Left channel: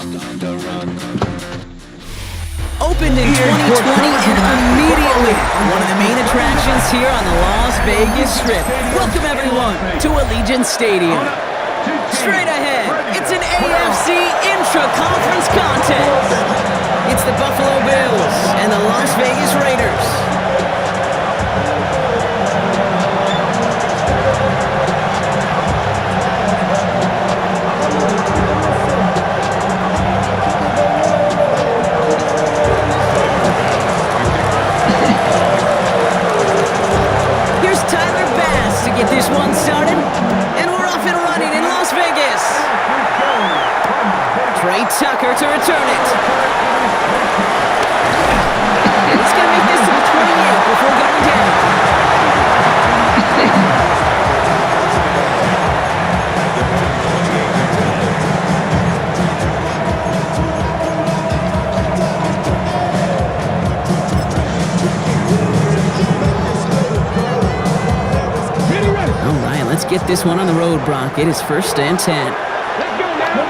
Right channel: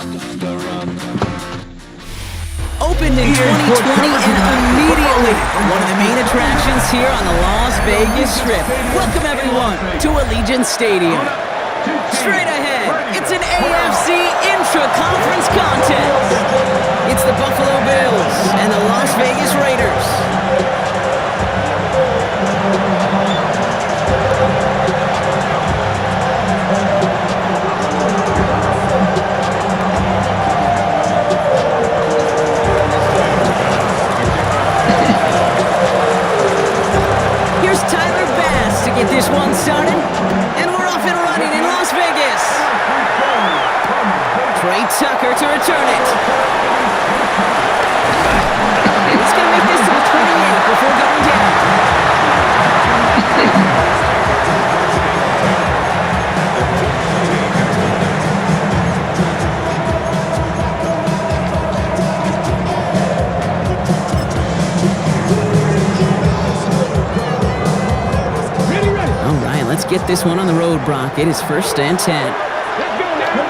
Opened in 2020 and immediately one of the main attractions here on the Las Vegas Strip. Welcome everyone to Allegiant Stadium. Straight ahead, it's an AFC intra-conference contest. It's the Buffalo Bills and the Las Vegas Raiders. Here's Tyler Bass to get this one started, and we're off and running in Las Vegas. Trey Tucker to return it. He's going to make this to the 28 before going down. All right, let's get this one on the road, Brock. It is 1st and 10. Let's go now.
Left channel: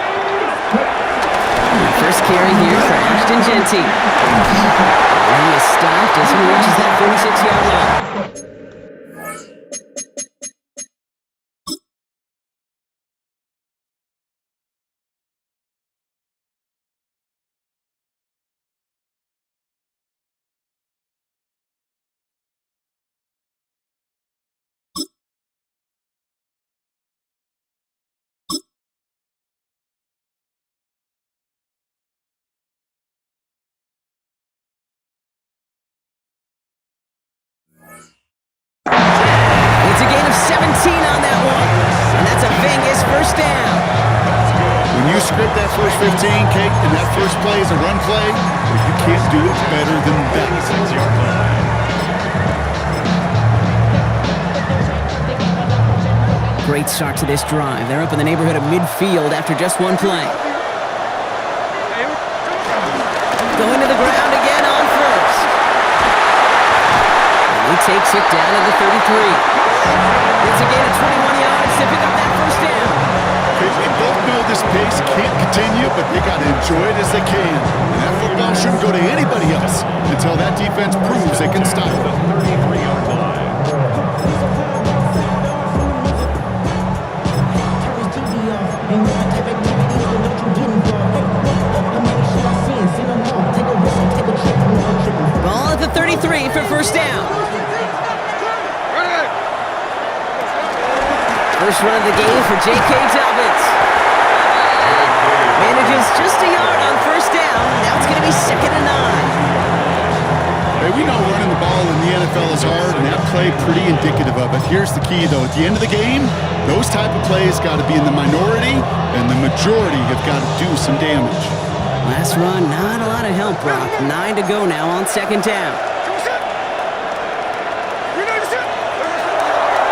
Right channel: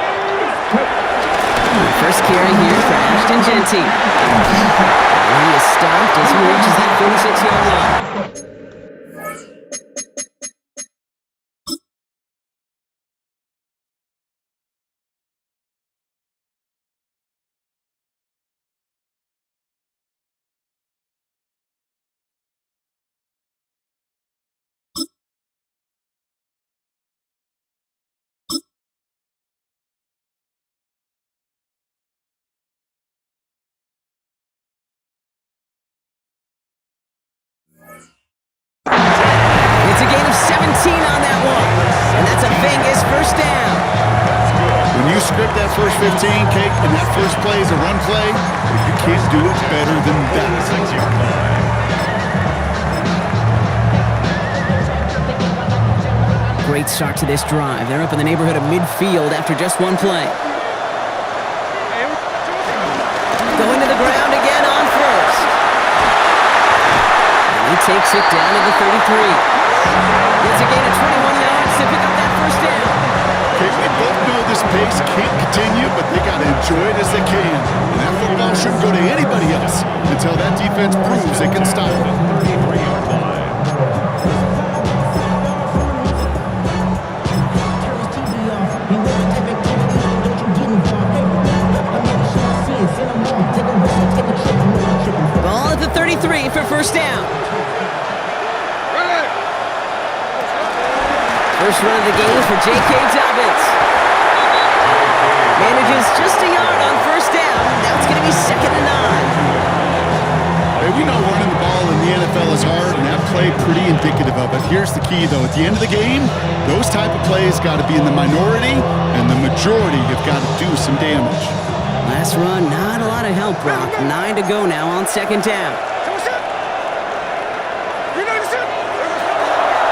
First carry here for Ashton Genty. And he is stopped as he reaches that 46-yard line. It's a gain of 17 on that one, and that's a Vegas first down. That's good. When you script that first 15, Kate, and that first play is a run play, you can't do it better than that. 26-yard line. Great start to this drive. They're up in the neighborhood of midfield after just one play. Going to the ground again on first. And he takes it down to the 33. Gets a gain of 21 yards to pick up that first down. Okay, we both know this pace can't continue, but they got to enjoy it as they can. And that football shouldn't go to anybody else until that defense proves they can stop The it. 33-yard line. Ain't with my type activities, then don't you get involved. Hey, how many should I see and send them all? Take a risk or take a trip, you know I'm tripping. Ball at the 33 for first down. First run of the game for J.K. Dobbins. Manages just a yard on first down. Now it's going to be 2nd and 9. Hey, we know running the ball in the NFL is hard, and that play pretty indicative of it. Here's the key, though. At the end of the game, those type of plays got to be in the minority, and the majority have got to do some damage. Last run, not a lot of help, Brock. 9 to go now on 2nd down.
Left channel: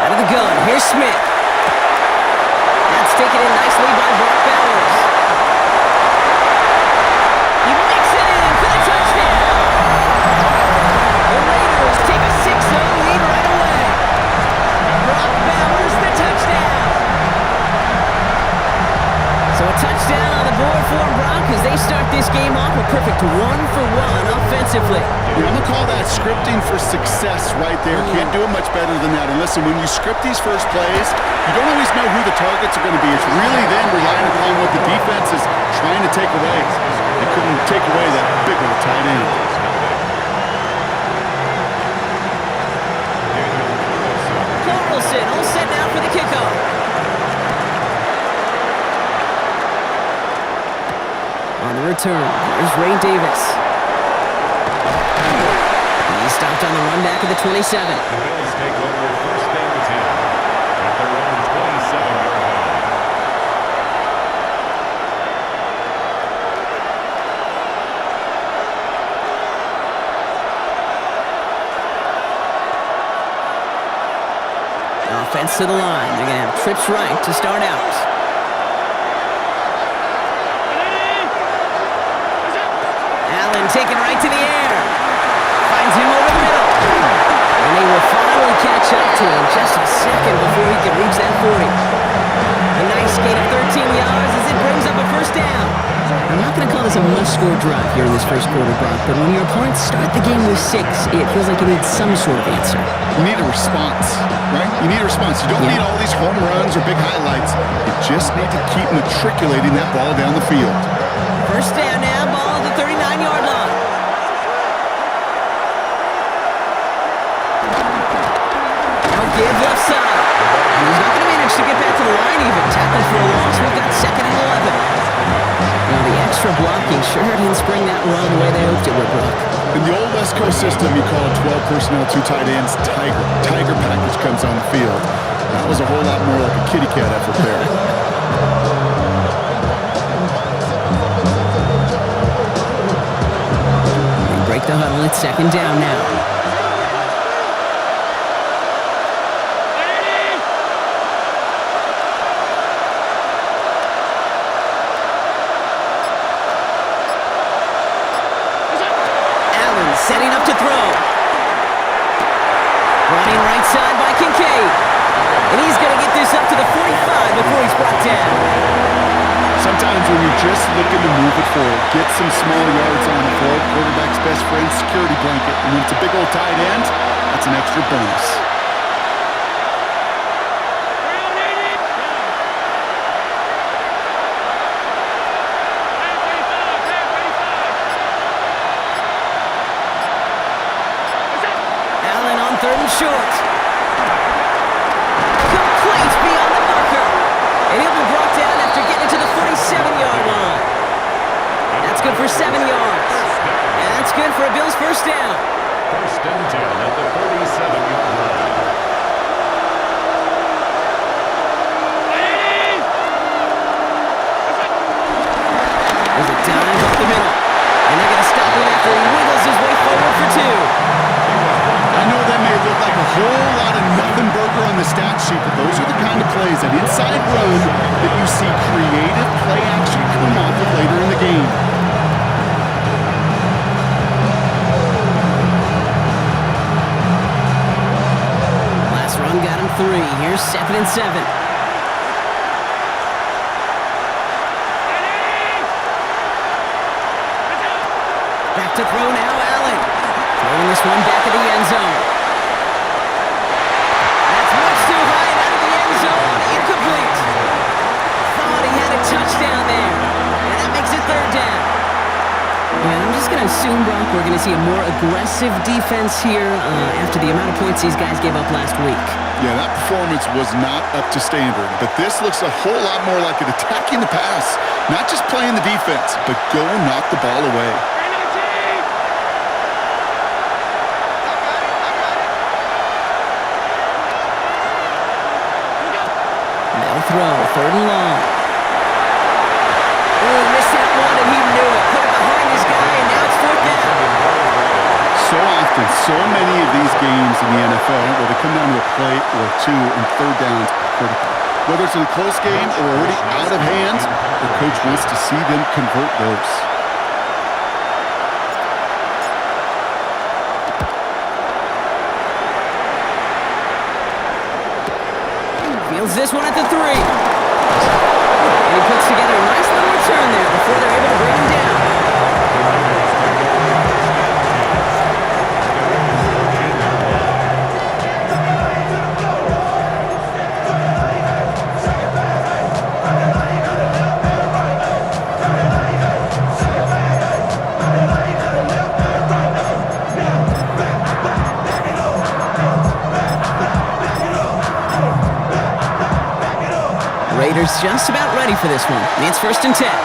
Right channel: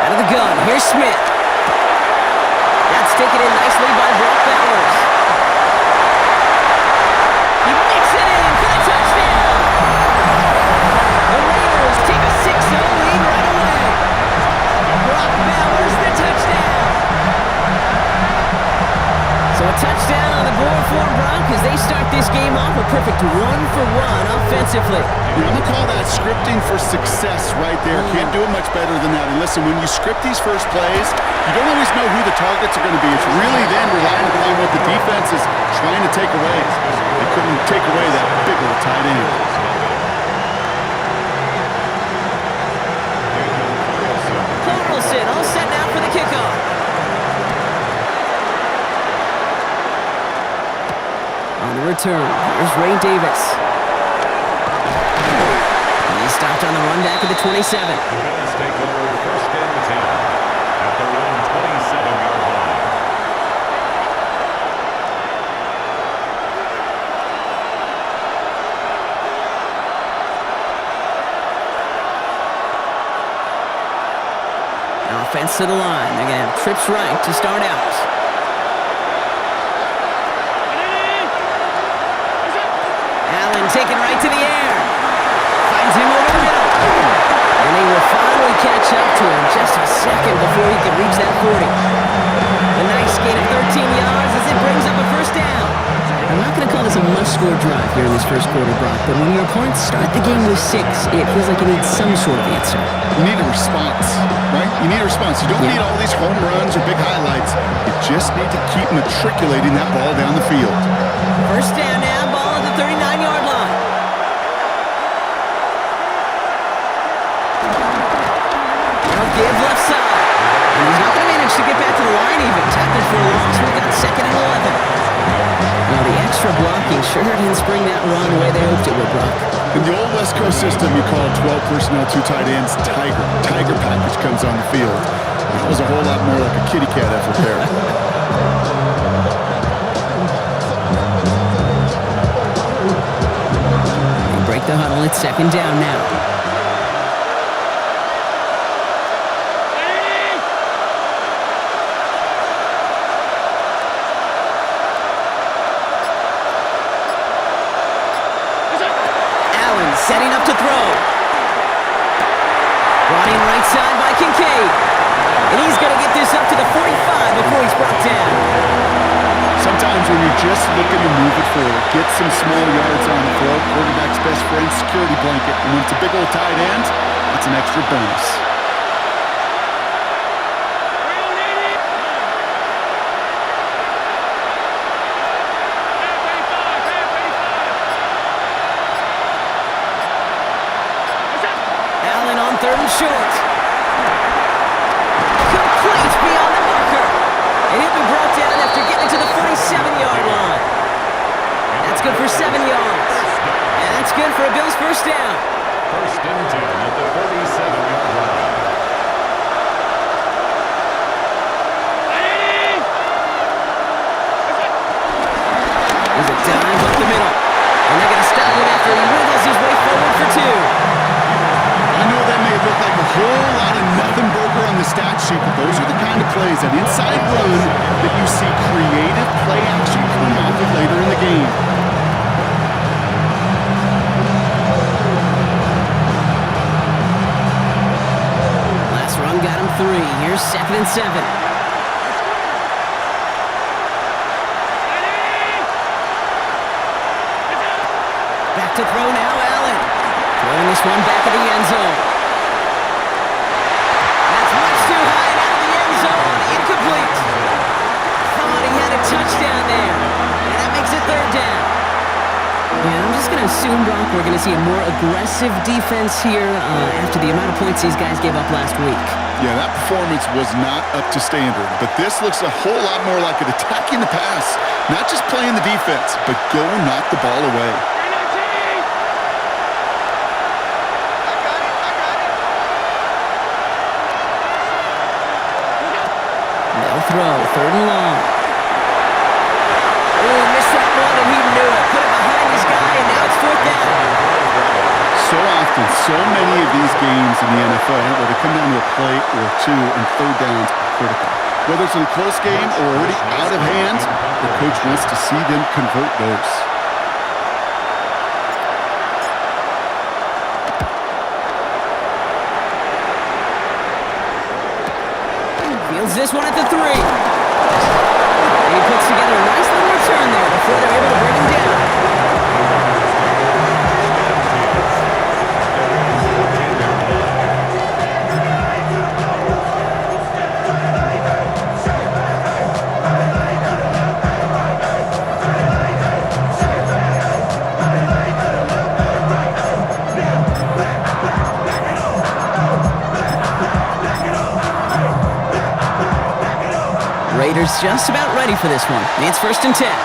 Out of the gun, here's Smith. That's taken in nicely by Brock Bowers. He makes it in for the touchdown. The Raiders take a 6-0 lead right away. Brock Bowers, the touchdown. So a touchdown on the board for him, Brock, as they start this game off a perfect 1-for-1 offensively. Yeah, I'm going to call that scripting for success right there. Can't do it much better than that. And listen, when you script these first plays, you don't always know who the targets are going to be. It's really then relying upon what the defense is trying to take away. They couldn't take away that big old tight end. Carlson all set now for the kickoff. On the return, here's Ray Davis. He's stopped on the run back at the 27. The Bills take over 1st and 10 at their own 27-yard line. Offense to the line. They're going to have trips right to start out. Allen taken right to the air. Finds him over the middle. And they will finally catch up to him just a second before he can reach that 40. A nice gain of 13 yards as it brings up a first down. I'm not going to call this a must-score drive here in this first quarter, Brock, but when your opponents start the game with 6, it feels like you need some sort of answer. You need a response, right? You need a response. You don't need all these home runs or big highlights. You just need to keep matriculating that ball down the field. First down now, ball at the 39-yard line. Now give left side. And he's not going to manage to get back to the line even. Tackled for a loss. We've got 2nd and 11. Now the extra blocking sure didn't spring that run the way they hoped it would, Brock. In the old West Coast system, you call 12 personnel, 2 tight ends, Tiger. Tiger package comes on the field. That was a whole lot more like a kitty cat effort there. They break the huddle. It's 2nd down now. Allen setting up to throw. Brought in right side by Kincaid. And he's going to get this up to the 45 before he's brought down. Sometimes when you're just looking to move it forward, get some small yards on the throw, quarterback's best friend, security blanket. And when it's a big old tight end, that's an extra bonus. Allen on 3rd and short. Complete beyond the marker. And he'll be brought down after getting it to the 47-yard line. That's good for 7 yards. And that's good for a Bills first down. 1st and 10 at the 47-yard line. There's a dive up the middle. And they're going to stop him after he wiggles his way forward for 2. I know that may look like a whole lot of nothing burger on the stat sheet, but those are the kind of plays, that inside run, that you see creative play action come off of later in the game. Last run got him 3. Here's 2nd and 7. Back to throw now, Allen. Throwing this one back of the end zone. That's much too high and out of the end zone. Incomplete. Thought he had a touchdown there. And that makes it 3rd down. Yeah, I'm just going to assume, Brock, we're going to see a more aggressive defense here after the amount of points these guys gave up last week. Yeah, that performance was not up to standard, but this looks a whole lot more like it attacking the pass. Not just playing the defense, but go knock the ball away. They'll throw, 3rd and long. Ooh, missed that one, and he knew it. Put it behind his guy, and now it's 4th down. So often, so many of these games in the NFL, well, they come down to a play or 2, and 3rd downs are critical. Whether it's in a close game or already out of hand, the coach wants to see them convert those. Fields this one at the 3. And he puts together a nice little return there before they're able to bring him down. The Raiders take over 1st and 10 at their own 14-yard line. Raiders just about ready for this one. It's 1st and 10.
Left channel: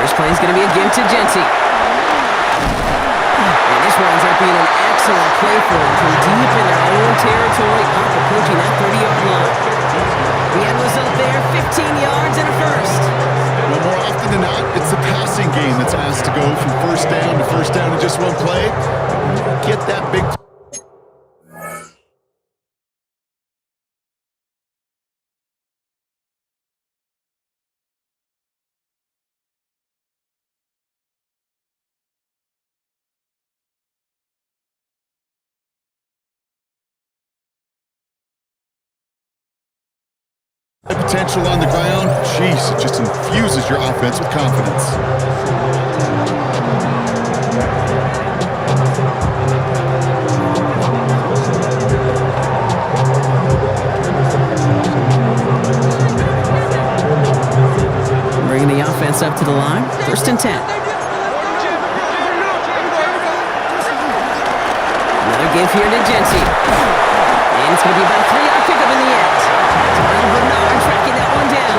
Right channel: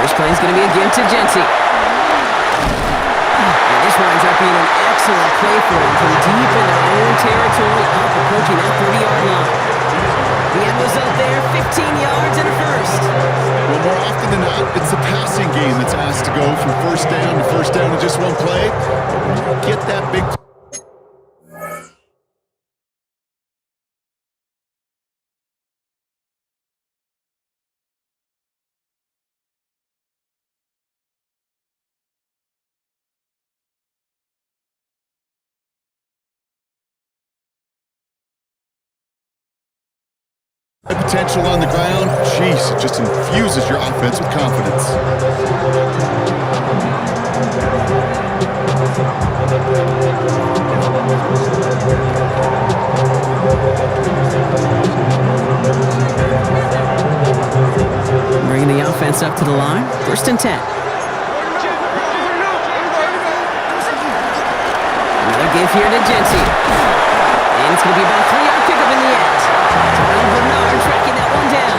First play is going to be a give to Genty. And this winds up being an excellent play for them from deep in their own territory, up approaching that 30-yard line. The end result there, 15 yards and a first. Well, more often than not, it's the passing game that's asked to go from 1st down to 1st down in just one play. But when you get that big Potential on the ground. Jeez, it just infuses your offense with confidence. Bringing the offense up to the line. 1st and 10. Another give here to Genty. And it's going to be about a 3-yard pickup in the end. Terrell Bernard tracking that one down.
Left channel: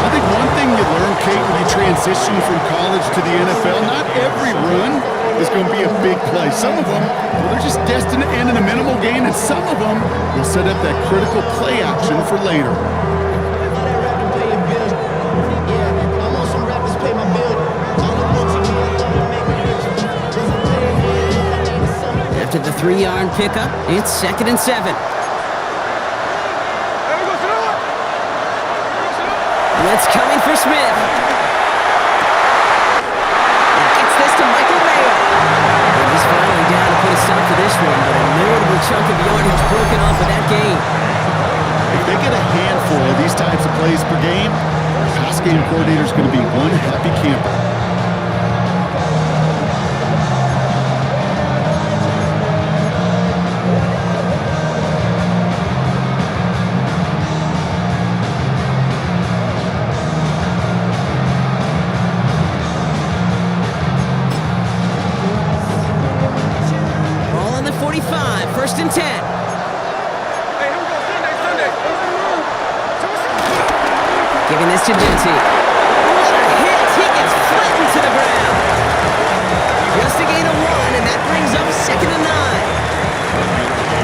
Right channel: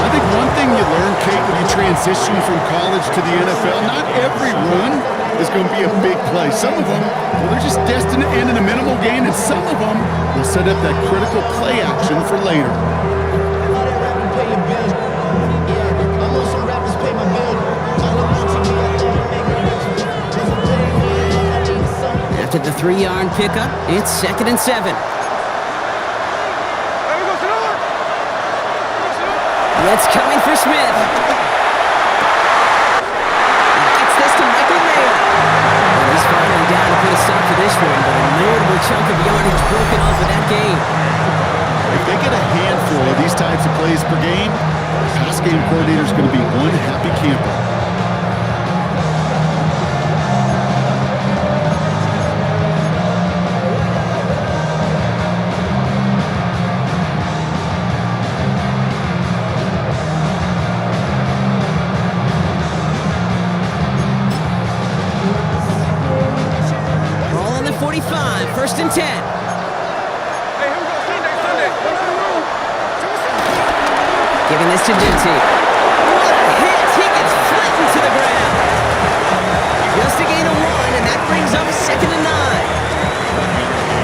I think one thing you learn, Kate, when you transition from college to the NFL, not every run is going to be a big play. Some of them, well, they're just destined to end in a minimal gain, and some of them will set up that critical play action for later. All that rapping pay your bills. Yeah, I'm on some rappers pay my bills. All the books in me, I thought it made me richer. Wasn't paying me enough, I needed something. After the 3-yard pickup, it's 2nd and 7. Blitz coming for Smith. He gets this to Michael Mayer. And he's finally down to put a stop to this one, but a notable chunk of yardage broken off with that game. If they get a handful of these types of plays per game, pass game coordinator is going to be one happy camper. Ball on the 45, 1st and 10. Hey, here we go, Sunday. Giving this to Genty. What a hit! He gets flattened to the ground. Just a gain of 1, and that brings up 2nd and 9.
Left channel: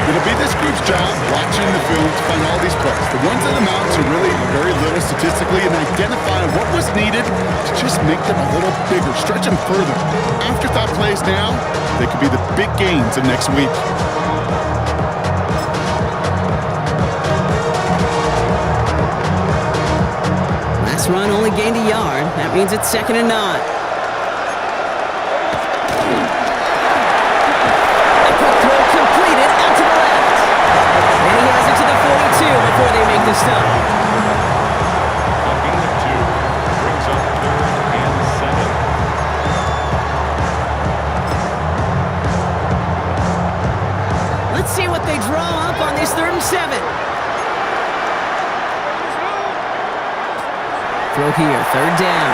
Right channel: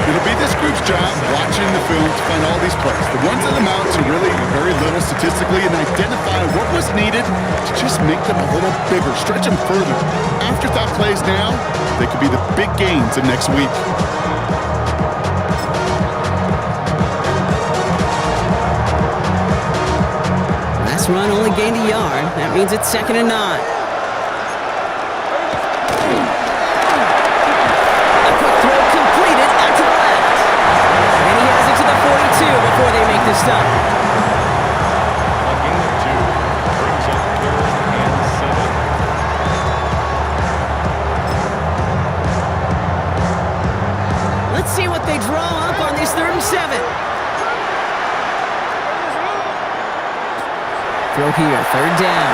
It'll be this group's job watching the film to find all these plays. The ones that amount to really very little statistically and identify what was needed to just make them a little bigger, stretch them further. Afterthought plays now, they could be the big gains of next week. Last run only gained a yard. That means it's 2nd and 9. A quick throw completed out to the left. And he has it to the 42 before they make the stop. A gain of 2 brings up 3rd and 7. Let's see what they draw up on this 3rd and 7. Throw here, 3rd down.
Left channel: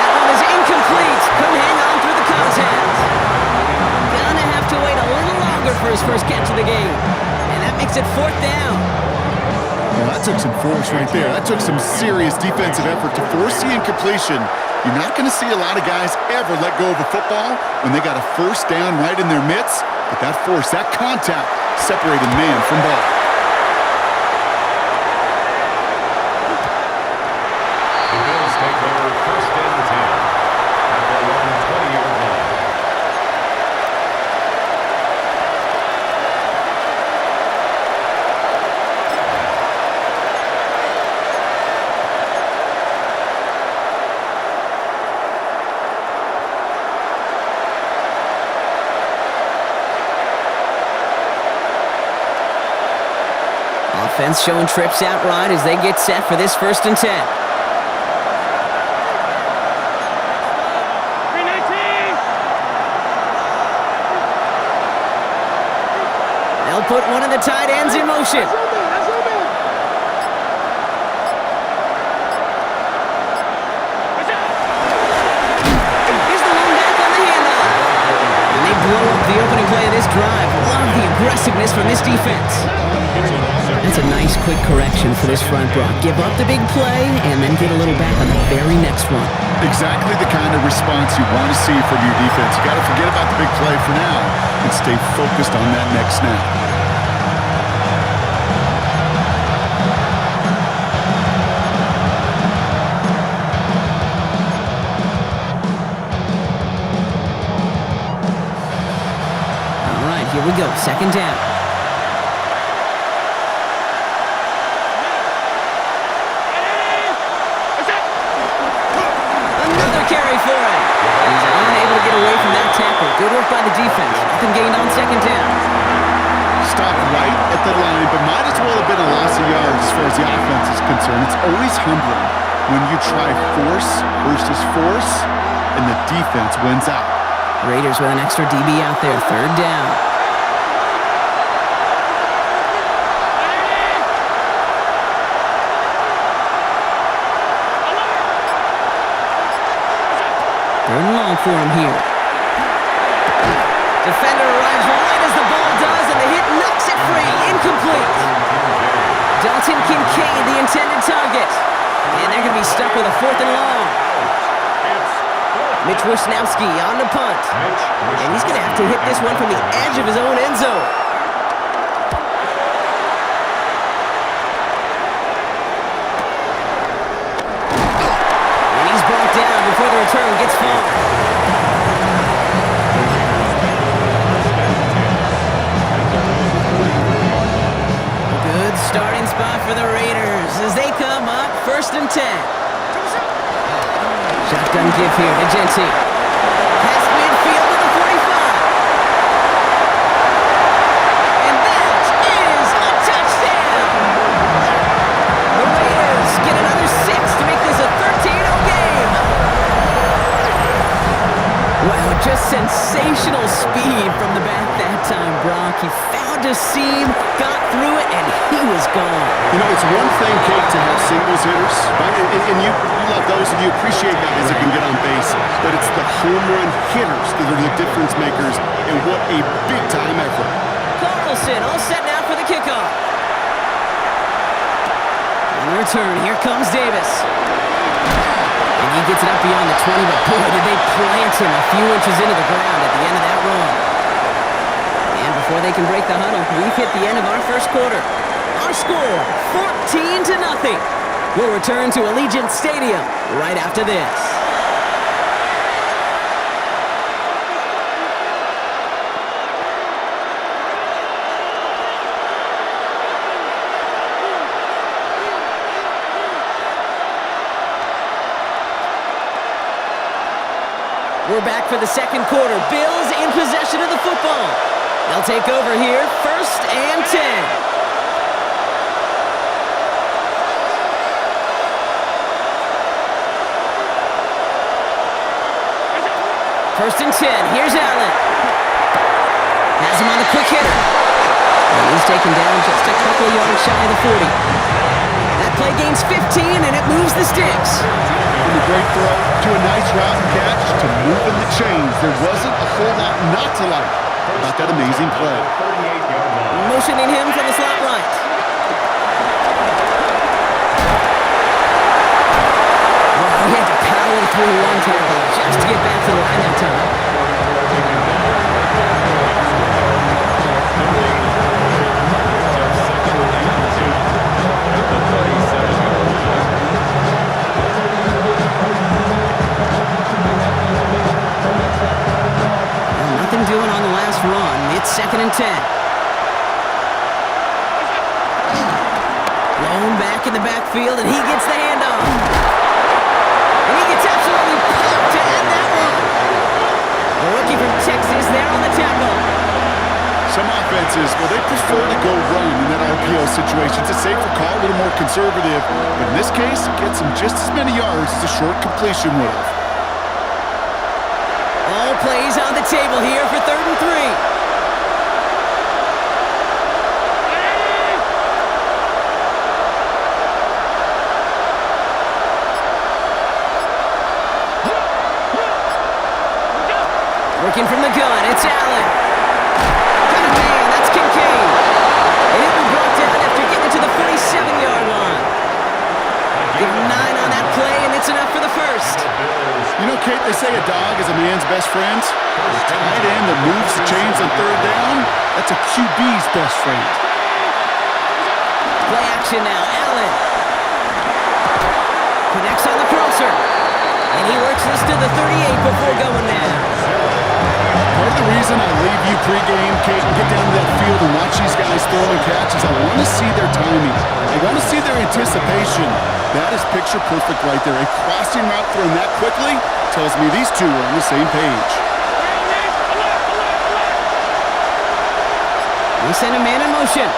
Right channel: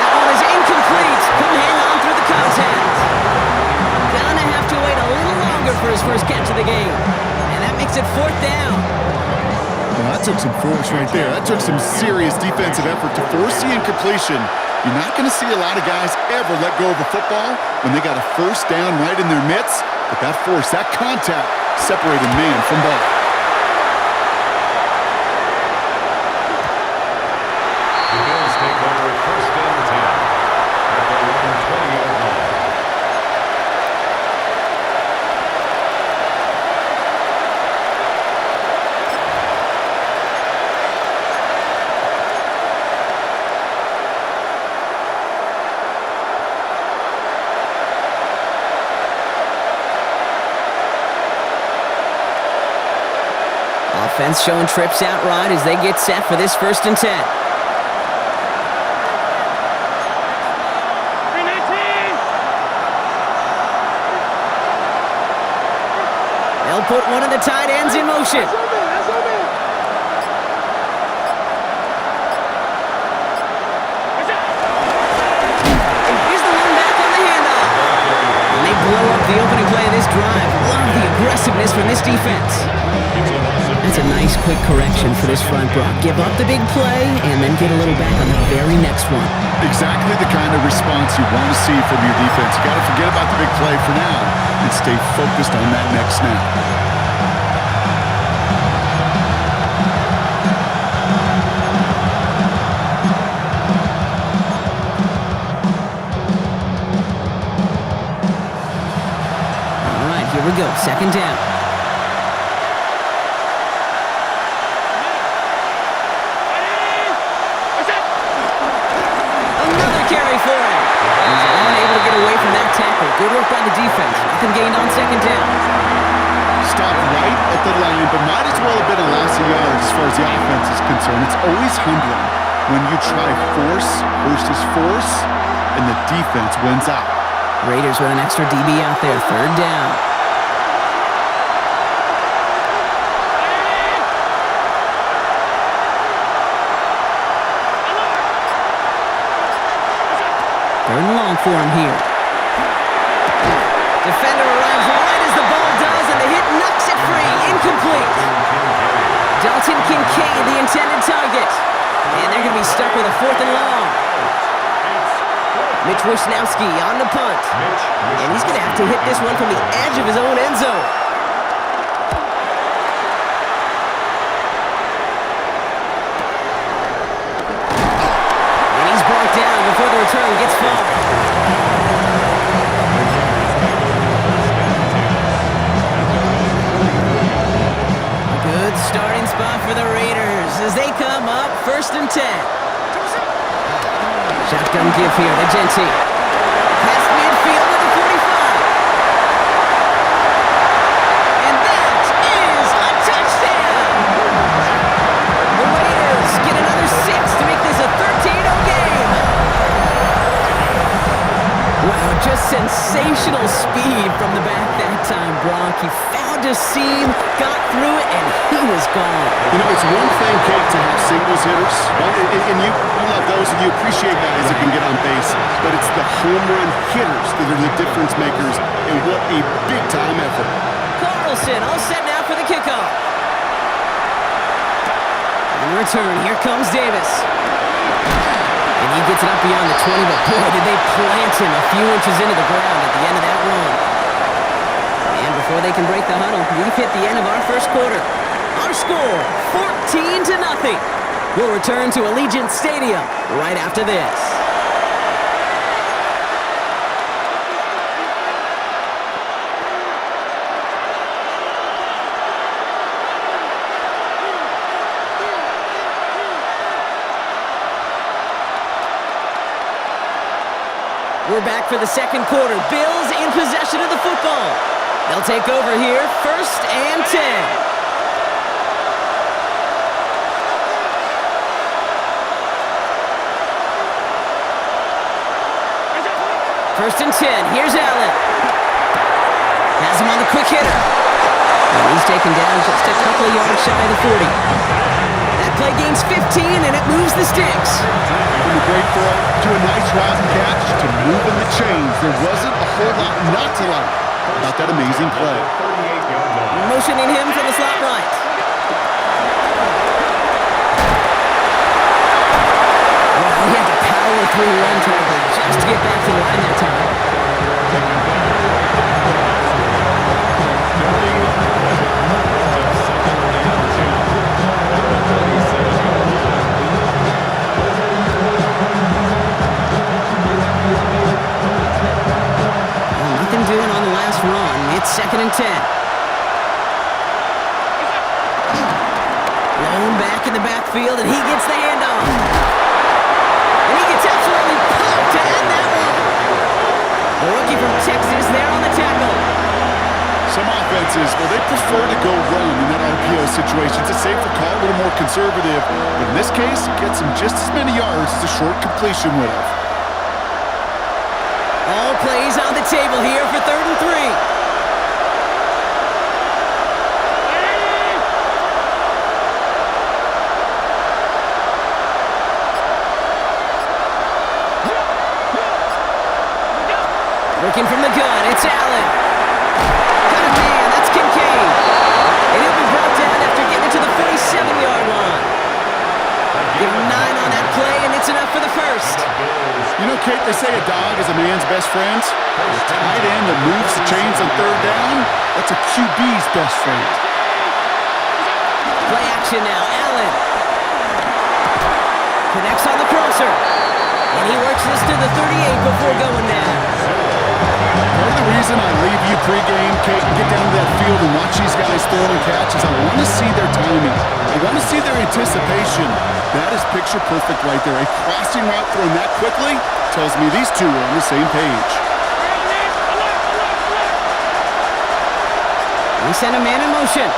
That one is incomplete. Couldn't hang on through the contact. Gonna have to wait a little longer for his first catch of the game. And that makes it 4th down. Well, that took some force right there. That took some serious defensive effort to force the incompletion. You're not going to see a lot of guys ever let go of a football when they got a 1st down right in their midst. But that force, that contact, separated man from ball. The Bills take over 1st and 10 at their own 20-yard line. Offense showing trips out right as they get set for this 1st and 10. 319. They'll put one of the tight ends in motion. That's your man. Here's the one back on the handoff. And they blow up the opening play of this drive. Love the aggressiveness from this defense. That's a nice quick correction for this front, Brock. Give up the big play and then get a little back on the very next one. Exactly the kind of response you want to see from your defense. You got to forget about the big play for now and stay focused on that next snap. All right, here we go. 2nd down. Another carry for him. He's unable to get away from that tackle. Good work by the defense. Nothing gained on 2nd down. stopped right at the line, but might as well have been a loss of yards as far as the offense is concerned. It's always humbling when you try force versus force, and the defense wins out. Raiders with an extra DB out there, 3rd down. Third and long for him here. Defender arrives right as the ball does, and the hit knocks it free. Incomplete. Dalton Kincaid, the intended target. And they're going to be stuck with a 4th and long. Mitch Wisnowski on the punt. And he's going to have to hit this one from the edge of his own end zone. And he's brought down before the return gets far. The Raiders take over 1st and 10 at their own 44-yard line. A good starting spot for the Raiders as they come up 1st and 10. Shotgun give here to Genti. Past midfield to the 45. And that is a touchdown! The Raiders get another 6 to make this a 13-0 game. Wow, just sensational speed from the back that time, Brock. He found a seam, got through it, and he was gone. You know, it's one thing, Kate, to have singles hitters, right? And you love those, and you appreciate guys that can get on base. But it's the home run hitters that are the difference makers, and what a big-time effort. Carlson all set now for the kickoff. On the return, here comes Davis. And he gets it up beyond the 20, but boy, did they plant him a few inches into the ground at the end of that run. And before they can break the huddle, we've hit the end of our 1st quarter. Our score, 14-0. We'll return to Allegiant Stadium right after this. We're back for the 2nd quarter. Bills in possession of the football. They'll take over here, 1st and 10. First and 10. Here's Allen. Has him on the quick hitter. And he's taken down just a couple of yards shy of the 40. That play gains 15, and it moves the sticks. From a great throw to a nice route and catch to moving the chains. There wasn't a whole lot not to like about that amazing play. 38-yard line. Motioning him from the slot right. Wow, he had to power through one tackle just to get back to the line that time. Taken down right down the line. No legal play. Brings up 2nd and 10 at the 37-yard line. Well, nothing doing on the last run. It's 2nd and 10. Blown back in the backfield, and he gets the handoff. And he gets absolutely pumped to end that one. The rookie from Texas there on the tackle. Some offenses, well, they prefer to go run in that RPO situation. It's a safer call, a little more conservative. But in this case, it gets them just as many yards as a short completion would have. All plays on the table here for 3rd and 3. Working from the gun, it's Allen. Got a man, that's Kincaid. And he'll be brought down after getting it to the 47-yard line. Give him 9 on that play, and it's enough for the 1st. You know, Kate, they say a dog is a man's best friend. A tight end that moves the chains on 3rd down, that's a QB's best friend. Play action now, Allen. Connects on the crosser. And he works this to the 38 before going down. Part of the reason I leave you pregame, Kate, and get down to that field and watch these guys throw and catch is I want to see their timing. I want to see their anticipation. That is picture perfect right there. A crossing route thrown that quickly tells me these two are on the same page. They send a man in motion.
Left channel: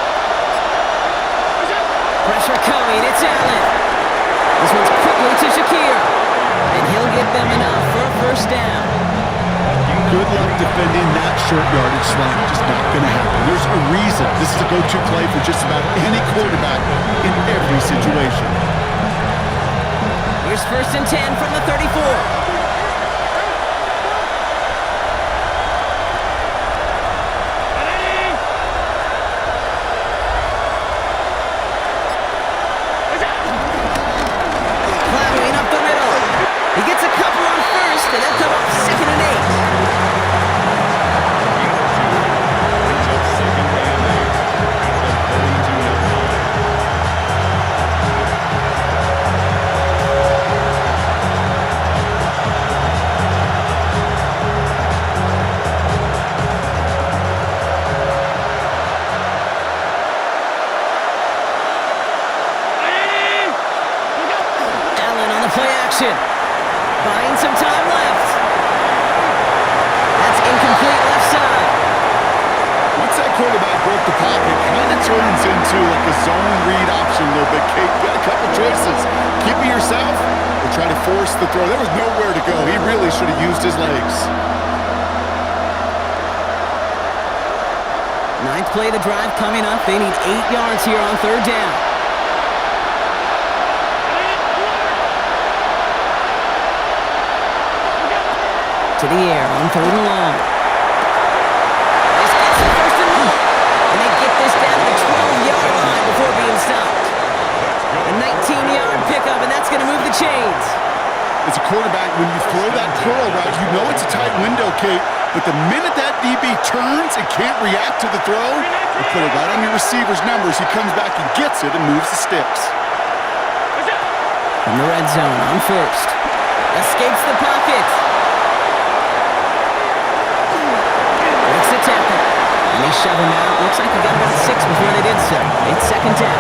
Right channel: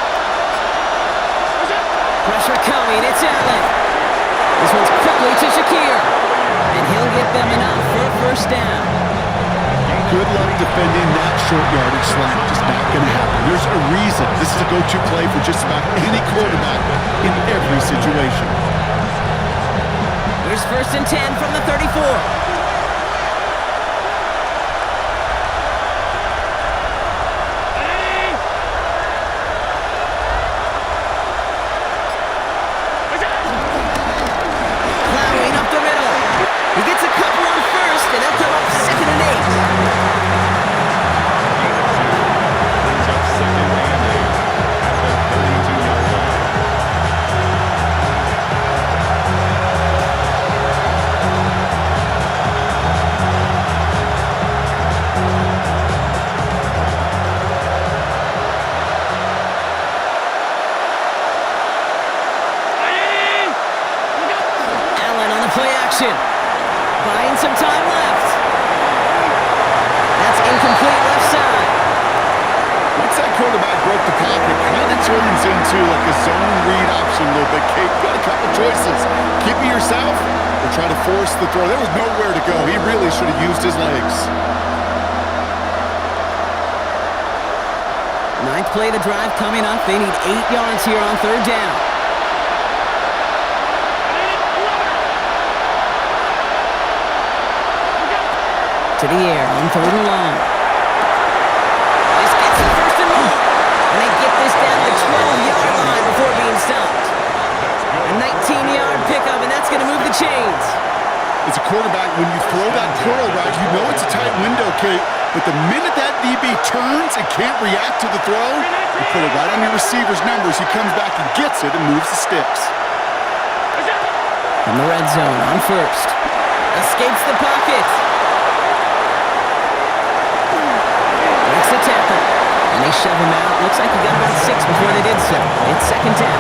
Pressure coming. It's Allen. This one's quickly to Shakir. And he'll get them enough for a first down. Good luck defending that short yardage slant. Just not going to happen. There's a reason. This is a go-to play for just about any quarterback in every situation. Here's 1st and 10 from the 34. Plowing up the middle. He gets a couple on 1st, and they'll come up 2nd and 8. A gain of 2 brings up 2nd and 8 at the 32-yard line. Allen on the play action. Buying some time left. That's incomplete left side. Once that quarterback broke the pocket, kind of turns into like a zone read option a little bit. Kate, you got a couple choices. Keep it yourself or try to force the throw. There was nowhere to go. He really should have used his legs. 9th play of the drive coming up. They need 8 yards here on 3rd down. To the air on 3rd and long. This gets the 1st and more. And they get this down to the 12-yard line before being stopped. A 19-yard pickup, and that's going to move the chains. As a quarterback, when you throw that curl route, you know it's a tight window, Kate. But the minute that DB turns and can't react to the throw, you put it right on your receiver's numbers. He comes back and gets it and moves the sticks. From the red zone on 1st. Escapes the pocket. Breaks the tackle. And they shove him out. Looks like he got about 6 before they did so. It's 2nd down.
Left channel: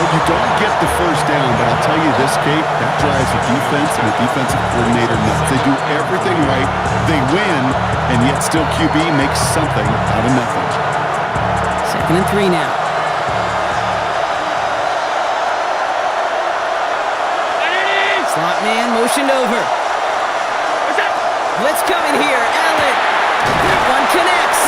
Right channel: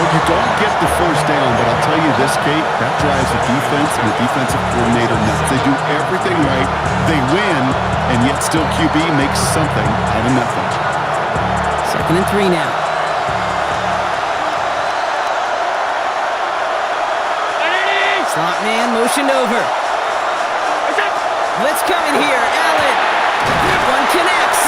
Look, you don't get the 1st down, but I'll tell you this, Kate, that drives the defense and the defensive coordinator nuts. They do everything right. They win, and yet still QB makes something out of nothing. 2nd and 3 now. Slot man motioned over. Blitz coming here. Allen. That one connects.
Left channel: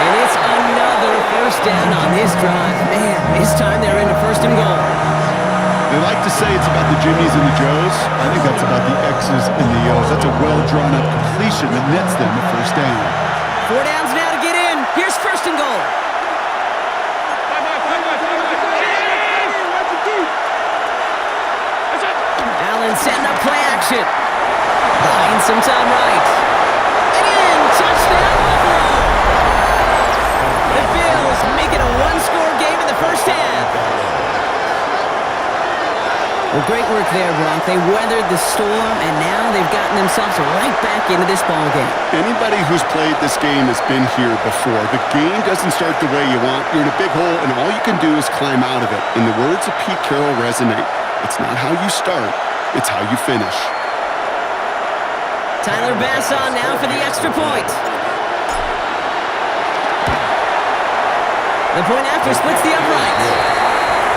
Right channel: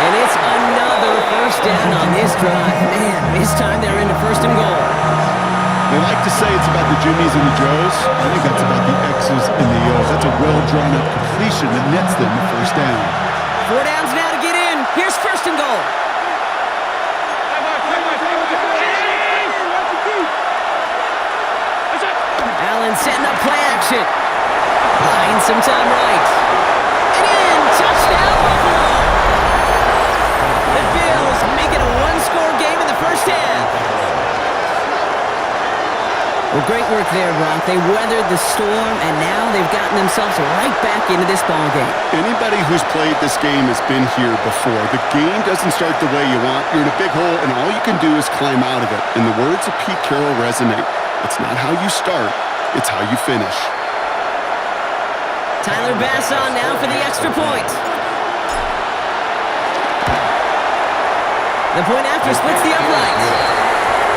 And it's another 1st down on this drive. Man, this time they're into 1st and goal. They like to say it's about the Jimmies and the Joes. I think that's about the X's and the O's. That's a well-drawn-up completion that nets them a 1st down. 4 downs now to get in. Here's 1st and goal. Allen setting up play action. Buying some time right. And in. Touchdown, Buffalo. The Bills make it a 1-score game in the 1st half. Well, great work there, Brock. They weathered the storm, and now they've gotten themselves right back into this ball game. Anybody who's played this game has been here before. The game doesn't start the way you want. You're in a big hole, and all you can do is climb out of it. And the words of Pete Carroll resonate. It's not how you start, it's how you finish. Tyler Bass on now for the extra point. The point after splits the upright.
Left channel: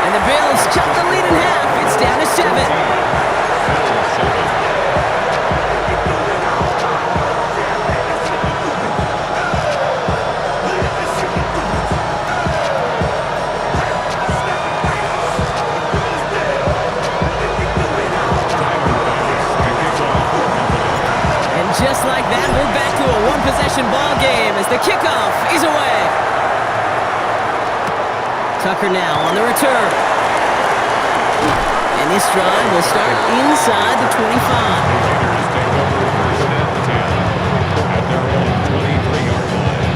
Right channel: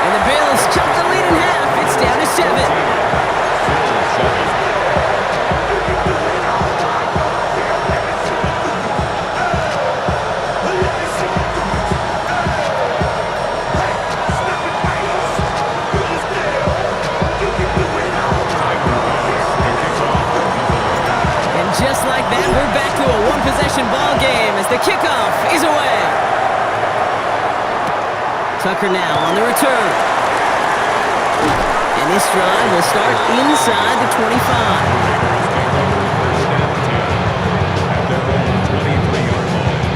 And the Bills chop the lead in half. It's down to 7. Bills 7. Just like that, we're back to a 1-possession ball game as the kickoff is away. Tucker now on the return. And this drive will start inside the 25. The Raiders take over 1st and 10 at their own 23-yard line.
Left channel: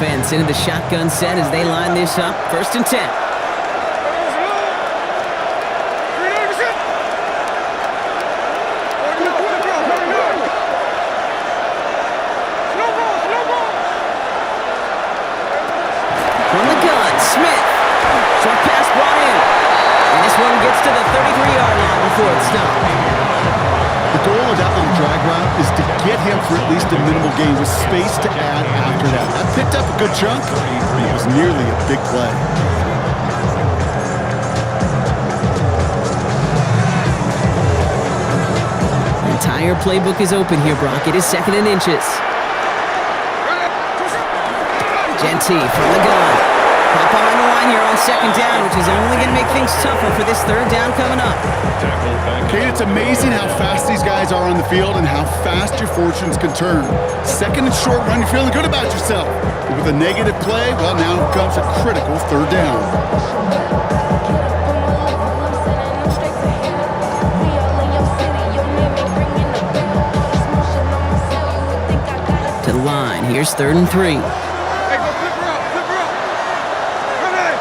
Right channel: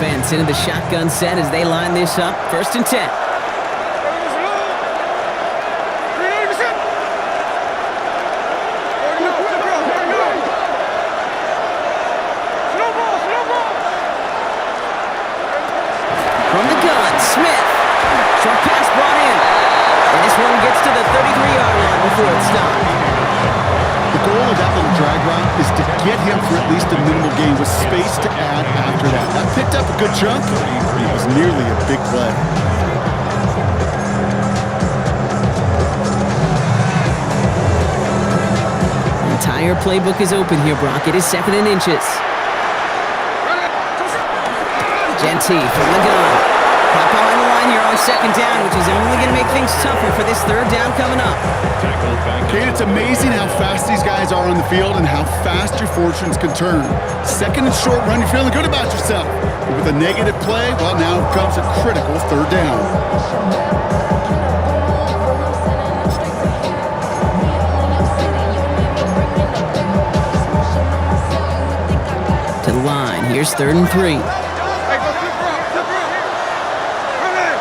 Offense into the shotgun set as they line this up. 1st and 10. From the gun, Smith. Short pass brought in. And this one gets to the 33-yard line before it's stopped. The goal of that little drag route is to get him for at least a minimal gain with space to add after that. That picked up a good chunk, and it was nearly a big play. The entire playbook is open here, Brock. It is 2nd and inches. Genty from the gun. Pop behind the line here on 2nd down, which is only going to make things tougher for this 3rd down coming up. Kate, it's amazing how fast these guys are on the field and how fast your fortunes can turn. 2nd and short run, you're feeling good about yourself. But with a negative play, well, now comes a critical 3rd down. To the line, here's 3rd and 3. Hey, go flip her up, flip her up. Ready.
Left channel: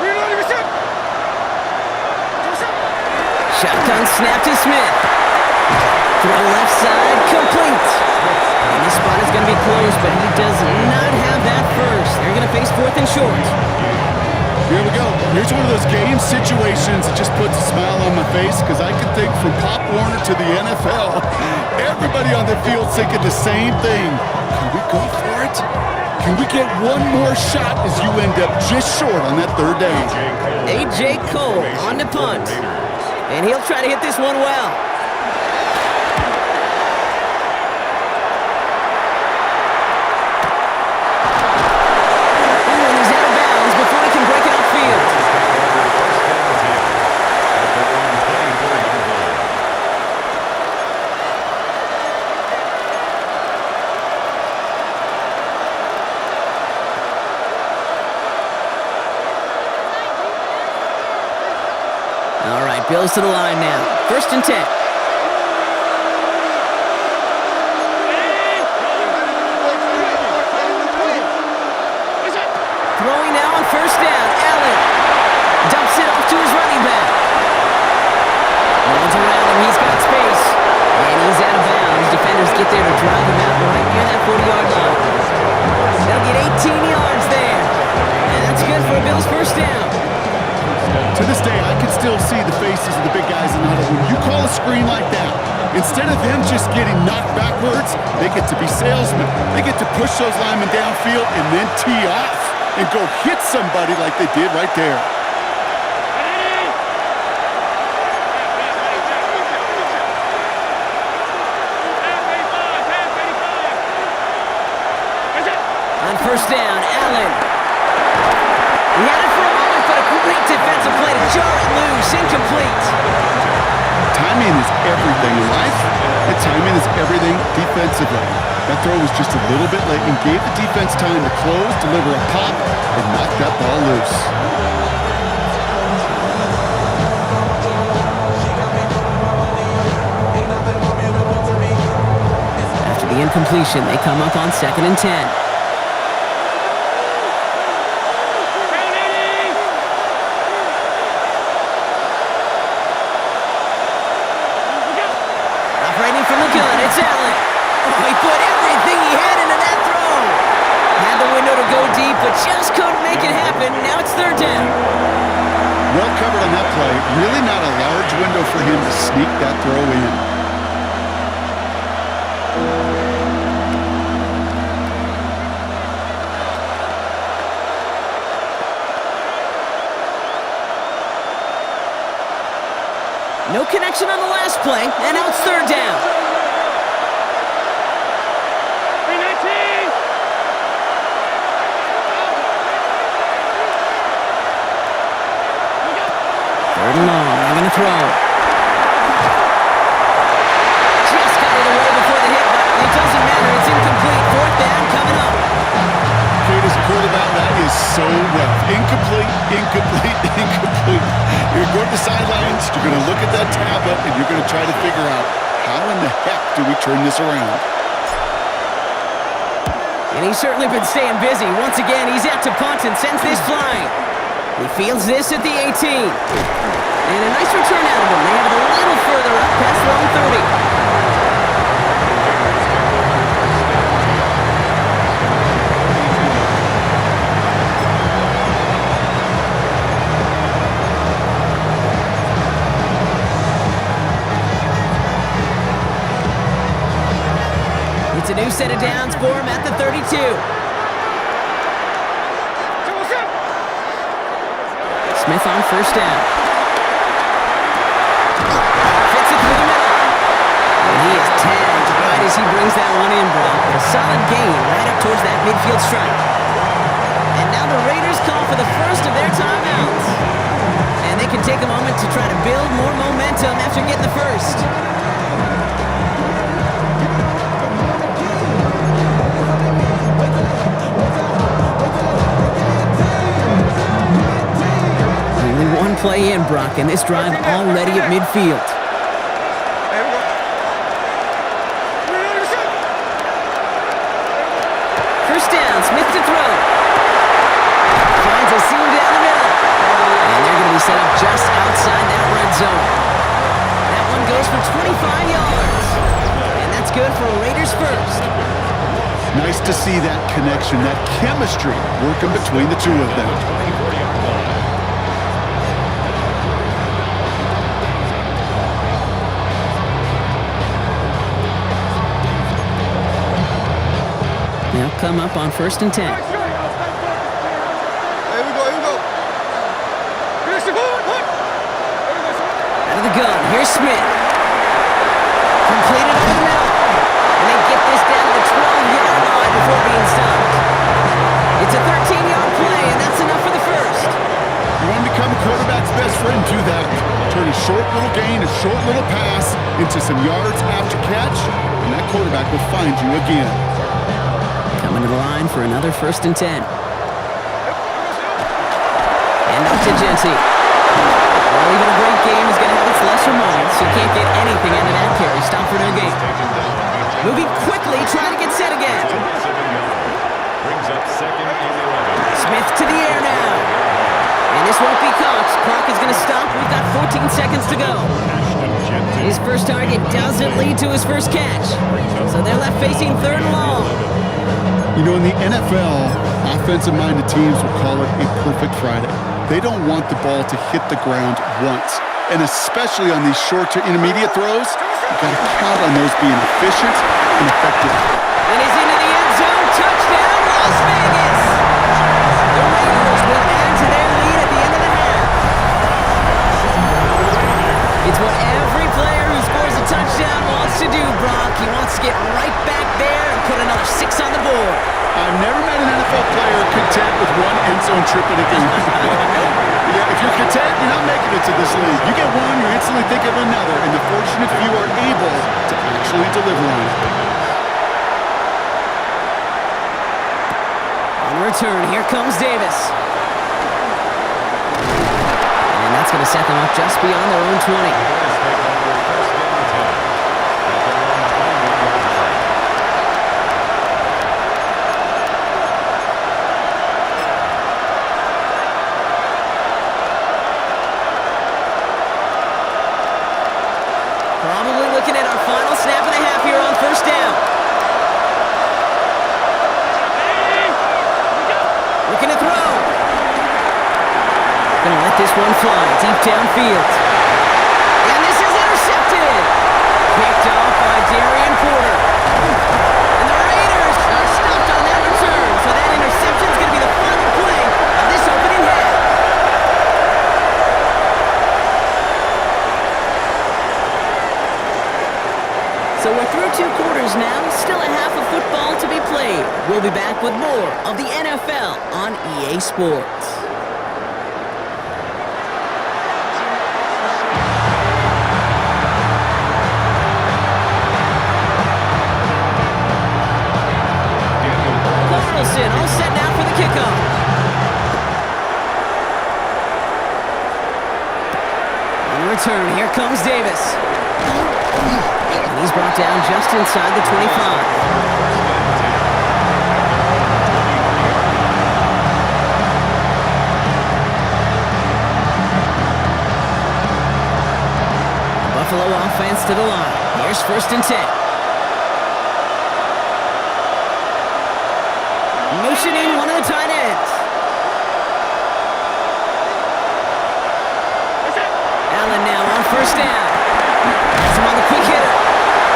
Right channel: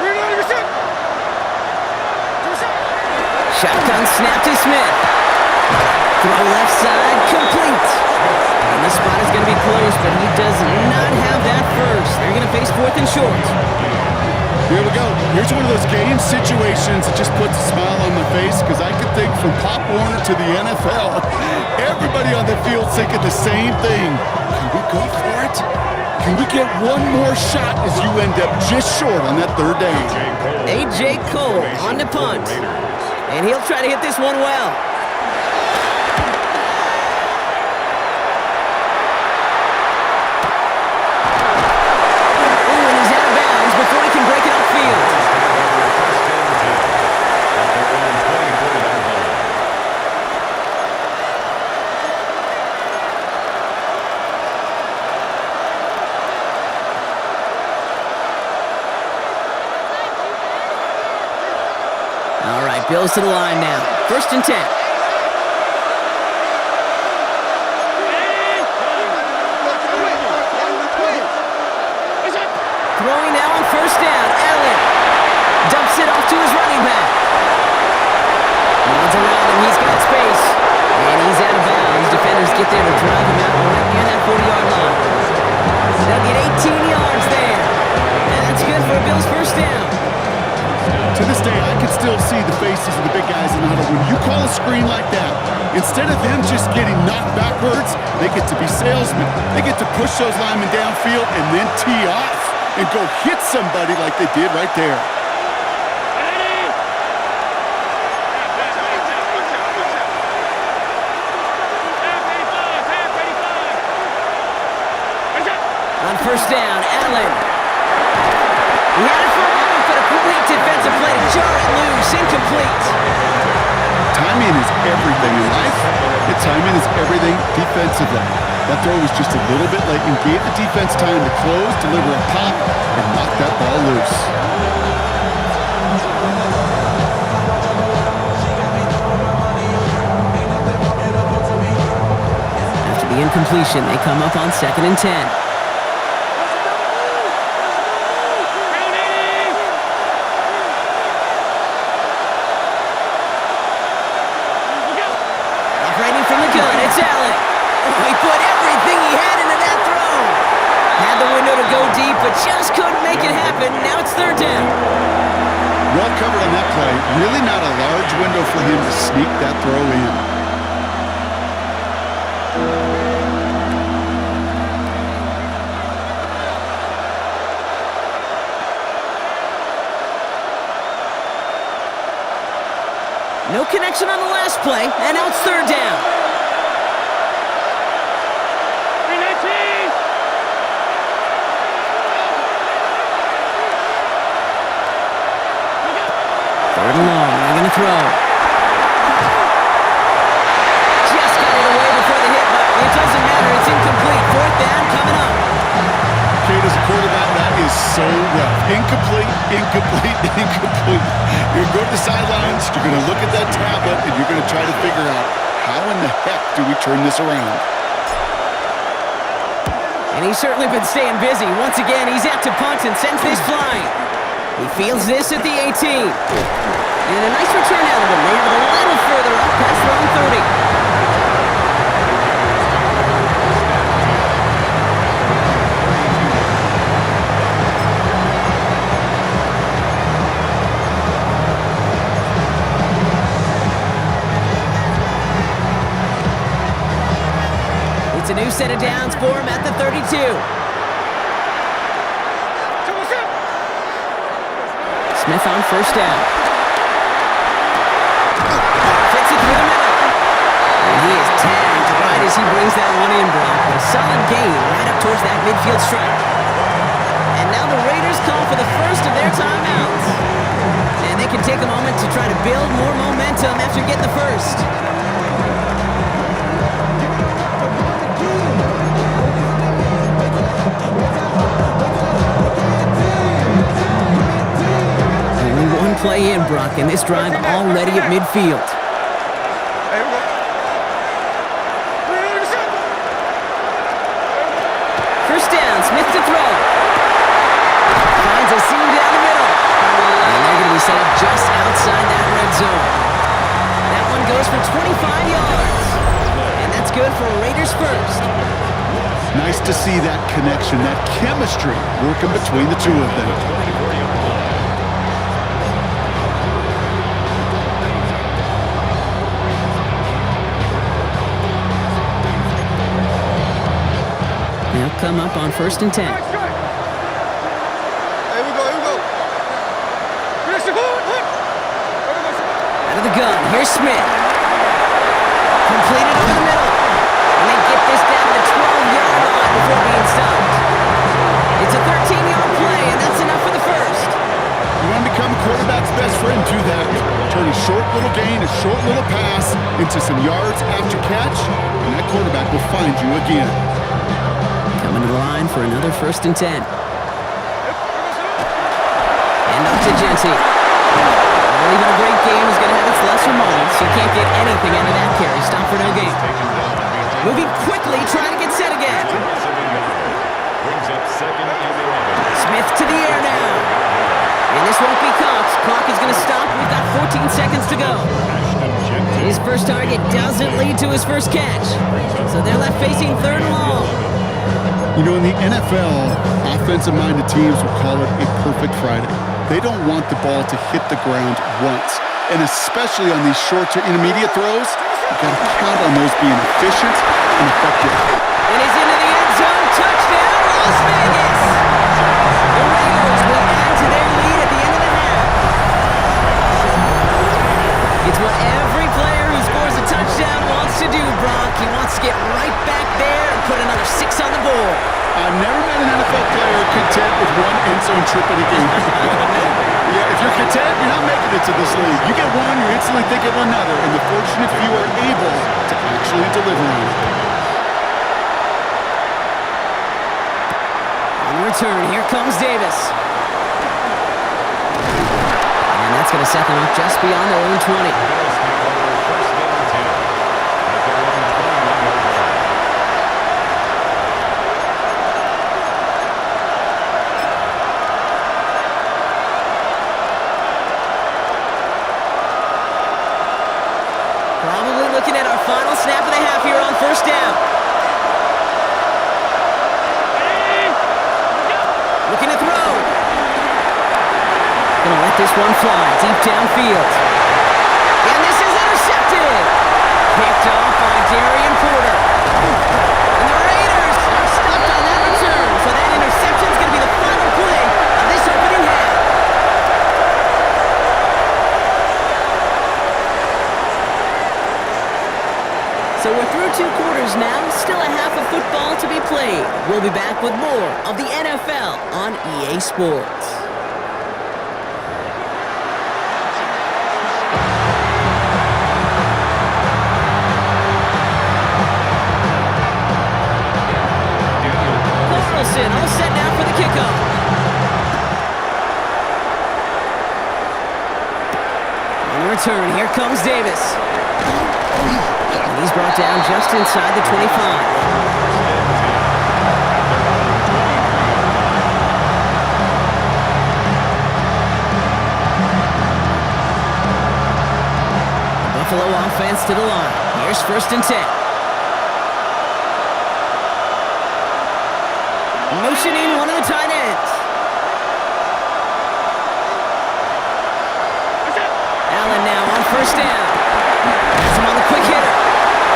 Reload your shot. Shotgun snap to Smith. Throw left side, complete. And this spot is going to be close, but he does not have that first. They're going to face 4th and short. Here we go. Here's one of those game situations that just puts a smile on my face because I can think from Pop Warner to the NFL, everybody on the field's thinking the same thing. Can we go for it? Can we get one more shot as you end up just short on that 3rd down? A.J. Cole on the punt. And he'll try to hit this one well. Ooh, and he's out of bounds before he can break it upfield. At their own 24-yard line. All right, Bills to the line now. 1st and 10. Throwing now on 1st down. Allen dumps it off to his running back. No one's around him. He's got space. And he's out of bounds. Defenders get there to drive him out right near that 40-yard line. They'll get 18 yards there. And that's good for a Bills 1st down. To this day, I can still see the faces of the big guys in the huddle. When you call a screen like that, instead of them just getting knocked backwards, they get to be salesmen. They get to push those linemen downfield and then tee off and go hit somebody like they did right there. On 1st down, Allen. He had it for a moment, but a great defensive play to jar it loose. Incomplete. Timing is everything in life, and timing is everything defensively. That throw was just a little bit late and gave the defense time to close, deliver a pop, and knock that ball loose. After the incompletion, they come up on 2nd and 10. Operating from the gun, it's Allen. Oh, he put everything he had into that throw. Had the window to go deep, but just couldn't make it happen. Now it's 3rd down. Well covered on that play. Really not a large window for him to sneak that throw in. No connection on the last play, and now it's 3rd down. 319! Third and long, they're going to throw. Just got it away before the hit, but it doesn't matter. It's incomplete. 4th down coming up. Kate, as a quarterback, that is so rough. Incomplete, incomplete, incomplete. You're going to go to the sidelines, you're going to look at that tablet, and you're going to try to figure out how in the heck do we turn this around. And he's certainly been staying busy. Once again, he's out to punt and sends this flying. He fields this at the 18. And a nice return out of him. They have it a little further up past their own 30. It's a new set of downs for him at the 32. Smith on first down. Fits it through the middle. And he is tagged right as he brings that one in, Brock. But a solid gain right up towards that midfield strike. And now the Raiders call for the first of their timeouts. And they can take a moment to try to build more momentum after getting the first. Only one play in, Brock, and this drive already at midfield. Hey, we go. 390%. First down, Smith to throw. Finds a seam down the middle. And they're going to be set up just outside that red zone. That one goes for 25 yards. And that's good for a Raiders first. Nice to see that connection, that chemistry working between the two of them. 24-yard line. They'll come up on 1st and 10. Hey, we go, here we go. Here, Siobhan, look. There we go, Siobhan. Out of the gun, here's Smith. Completed over the middle. And they get this down to the 12-yard line before being stopped. It's a 13-yard play, and that's enough for the first. You want to become a quarterback's best friend, do that. Turn a short little gain, a short little pass into some yards after catch, and that quarterback will find you again. Coming to the line for another 1st and 10. And off to Jency. Well, even a great game is going to have its lesser moments. You can't get anything out of that carry. Stop for no gain. Moving quickly, trying to get set again. Brings up 2nd and 11. Smith to the air now. And this won't be caught. Clock is going to stop. We've got 14 seconds to go. His first target doesn't lead to his first catch. So they're left facing 3rd and long. You know, in the NFL, offensive-minded teams will call it a perfect Friday. They don't want the ball to hit the ground once. And especially on these short to intermediate throws, you've got to count on those being efficient and effective. And he's into the end zone. Touchdown, Las Vegas. The Raiders will add to their lead at the end of the half. It's what every player who scores a touchdown wants to do, Brock. He wants to get right back there and put another 6 on the board. I've never met an NFL player content with one end zone trip in a game. Nope. Yeah, if you're content, you're not making it to this league. You get one, you're instantly thinking of another, and the fortunate few are able to actually deliver on it. On the return, here comes Davis. And that's going to set them up just beyond their own 20. Bills take over 1st and 10 at their own 21-yard line. Probably looking at our final snap of the half here on 1st down. Looking to throw. Gonna let this one fly deep downfield. And this is intercepted. Picked off by Darian Porter. And the Raiders are stopped on that return. So that interception is gonna be the final play of this opening half. So we're through 2 quarters now, still a half of football to be played. We'll be back with more of the NFL on EA Sports. Carlson all set now for the kickoff. On the return, here comes Davis. And he's brought down just inside the 25. 1st and 10 at their own 23-yard line. The Buffalo offense to the line. Here's 1st and 10. Motioning one of the tight ends. Allen now on 1st down. That's him on the quick hitter.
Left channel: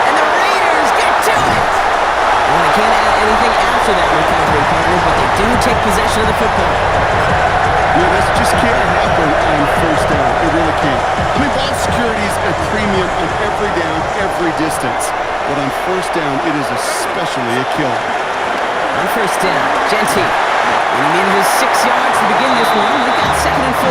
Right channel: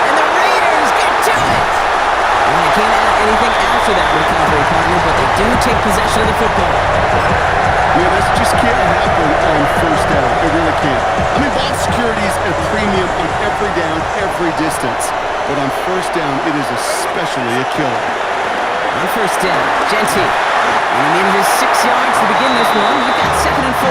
And the Raiders get to it. Well, they can't add anything after that recovery, partner, but they do take possession of the football. You know, this just can't happen on first down. It really can't. I mean, ball security is a premium on every down, every distance. But on first down, it is especially a killer. On first down, Genty. And he manages 6 yards to begin this one. We've got 2nd and 4.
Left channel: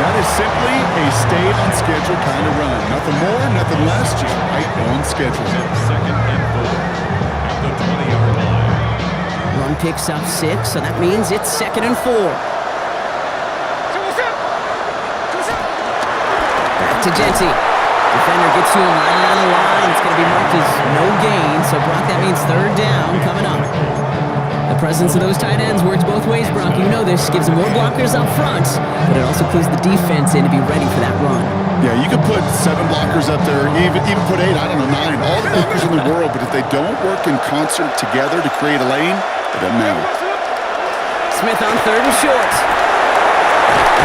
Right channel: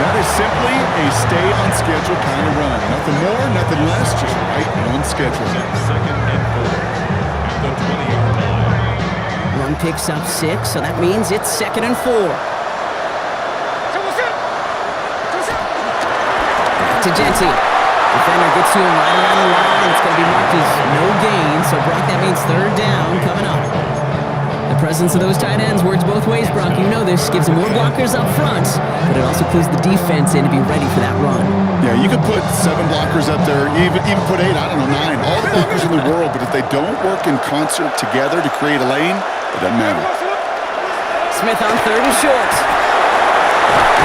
That is simply a stay-on-schedule kind of run. Nothing more, nothing less, just right on schedule. 2nd and 4 at the 20-yard line. Run picks up 6, so that means it's 2nd and 4. Back to Genty. Defender gets to him right around the line. It's going to be marked as no gain, so Brock, that means 3rd down coming up. The presence of those tight ends works both ways, Brock. You know this. Gives them more blockers up front, but it also clues the defense in to be ready for that run. Yeah, you could put 7 blockers up there, even put 8, I don't know, 9. All the blockers in the world, but if they don't work in concert together to create a lane, it doesn't matter. Smith on 3rd and short.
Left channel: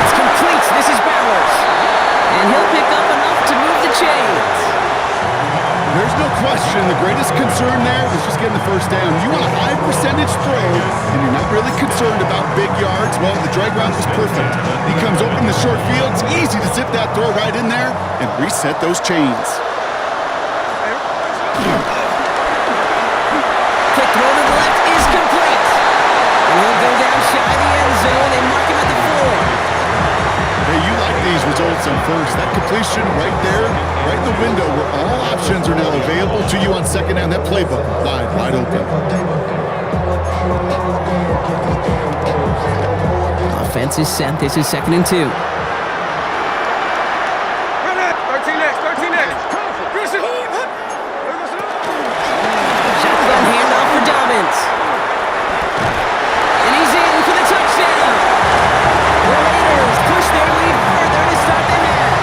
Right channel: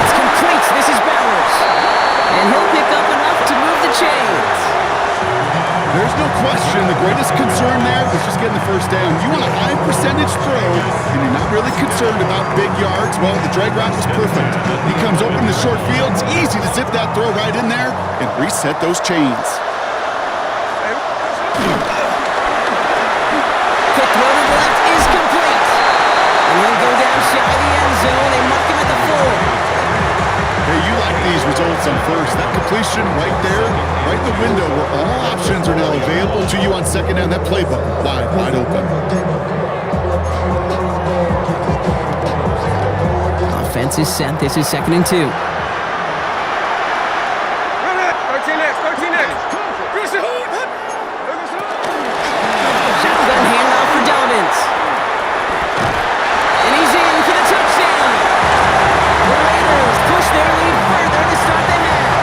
It's complete. This is Bowers. And he'll pick up enough to move the chains. There's no question the greatest concern there was just getting the first down. You want a high percentage throw, and you're not really concerned about big yards. Well, the drag route was perfect. He comes open in the short field. It's easy to zip that throw right in there and reset those chains. Quick throw to the left is complete. And he'll go down shy of the end zone. They mark him at the 4. Hey, you like these results on first. That completion right there, right in the window where all options are now available to you on 2nd down. That playbook wide open. Offense is set. This is 2nd and 2. 13 next. Shotgun handoff for Dobbins. And he's in for the touchdown. The Raiders push their lead further to start the half.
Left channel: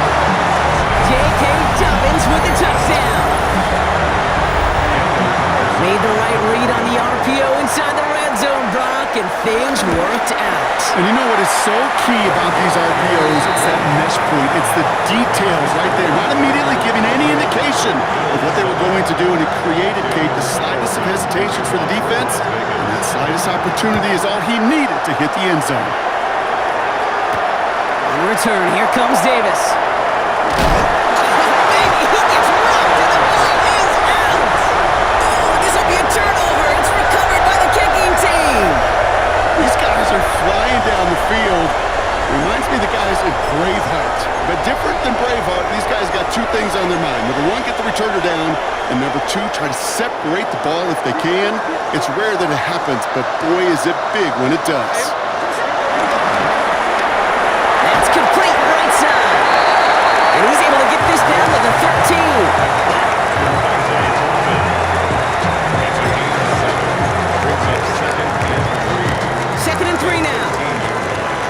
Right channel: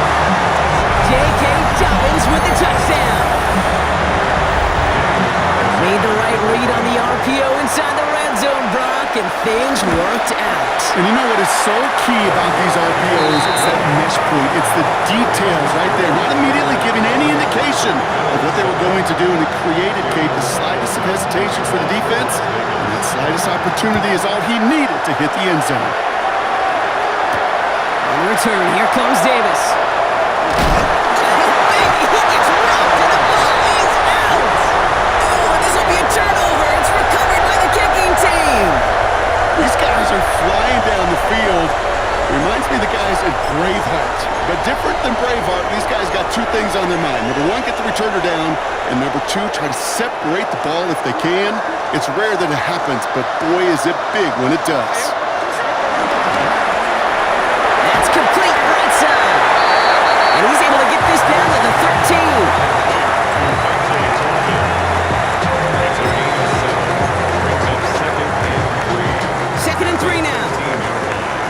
J.K. Dobbins with the touchdown. Made the right read on the RPO inside the red zone, Brock, and things worked out. And you know what is so key about these RPOs? It's that mesh point. It's the details right there, not immediately giving any indication of what they were going to do, and it created, Kate, the slightest of hesitations for the defense, and that slightest opportunity is all he needed to hit the end zone. On the return, here comes Davis. Oh, baby, he gets rocked and the ball is out. Oh, and this will be a turnover. It's recovered by the kicking team. These guys are flying down the field. Reminds me of the guys in Braveheart. But different than Braveheart, these guys got 2 things on their mind. Number 1, get the returner down. And number 2, try to separate the ball if they can. It's rare that it happens, but boy, is it big when it does. Complete right side. And he's able to get this down to the 13. It's a gain of 7. Brings up 2nd and 3. 2nd and 3 now. 18-yard line.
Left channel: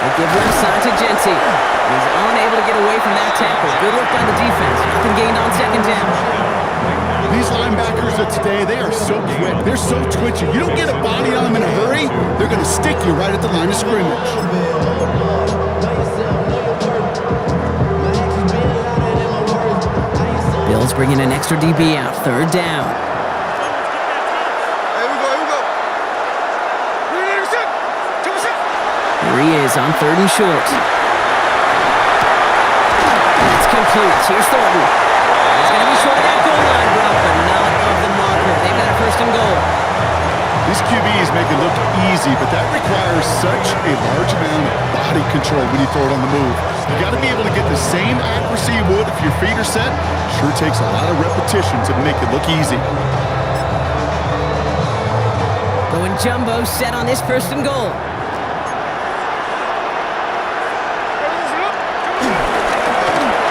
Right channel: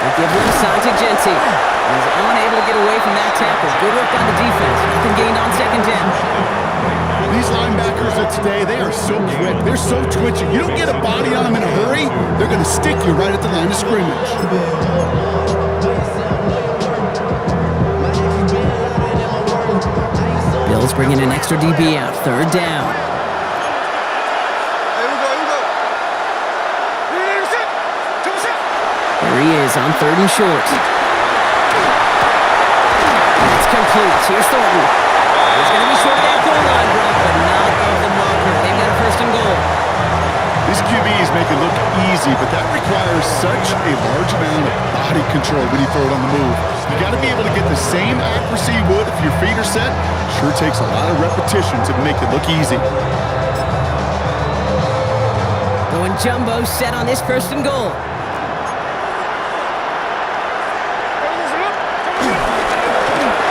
They give left side to Genty. He's unable to get away from that tackle. Good work by the defense. Nothing gained on 2nd down. These linebackers of today, they are so quick. They're so twitchy. You don't get a body on them in a hurry, they're going to stick you right at the line of scrimmage. Bills bringing an extra DB out. 3rd down. Here we go. Here he is on 3rd and short. It's complete. Here's Thornton. He's going to be short of that goal line, Brock, but not of the marker. They've got a 1st and goal. These QBs make it look easy, but that requires such a large amount of body control when you throw it on the move. You got to be able to get the same accuracy you would if your feet are set. Sure takes a lot of repetition to make it look easy. Going jumbo set on this 1st and goal.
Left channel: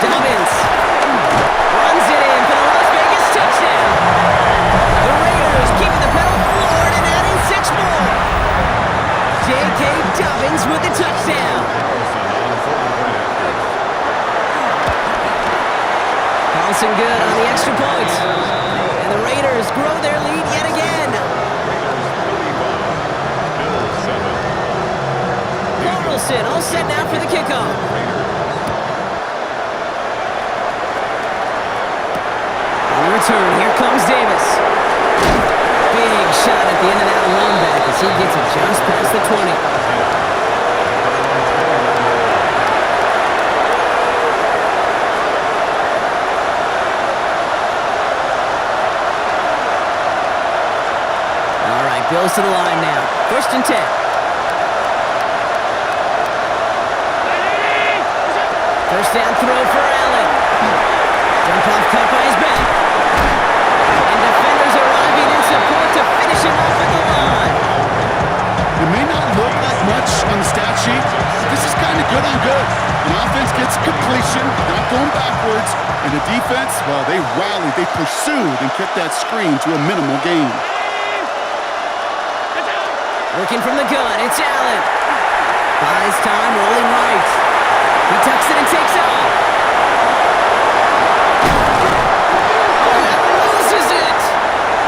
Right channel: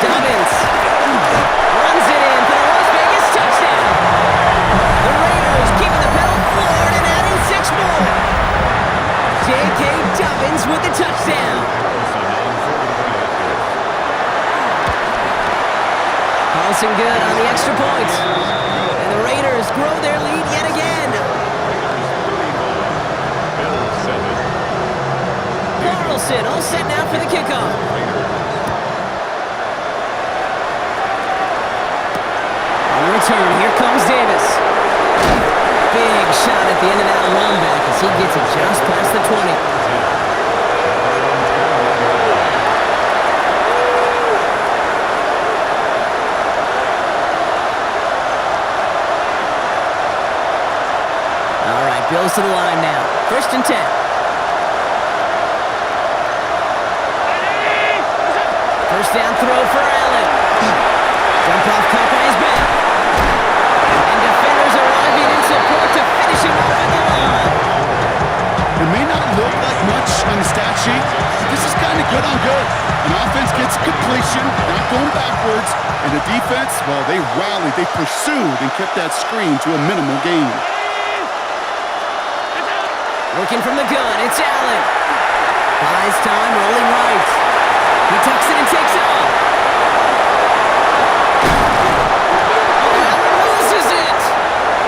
Dobbins runs it in for the Las Vegas touchdown. The Raiders keeping the pedal floored and adding 6 more. J.K. Dobbins with the touchdown. Carlson good on the extra point. And the Raiders grow their lead yet again. Raiders 35, Bills 7. Carlson all set now for the kickoff. Raiders. On return, here comes Davis. Big shot at the end of that run back as he gets it just past the 20. All right, Bills to the line now. 1st and 10. First down throw for Allen. Jump off caught by his back. And defenders arriving in support to finish him off at the line. It may not look like much on the stat sheet, but this is kind of good on good. An offense gets completion, not going backwards, and the defense, well, they rallied, they pursued, and kept that screen to a minimal gain. Working from the gun, it's Allen. Buys time, rolling right. He tucks it and takes off. Oh, Allen loses it!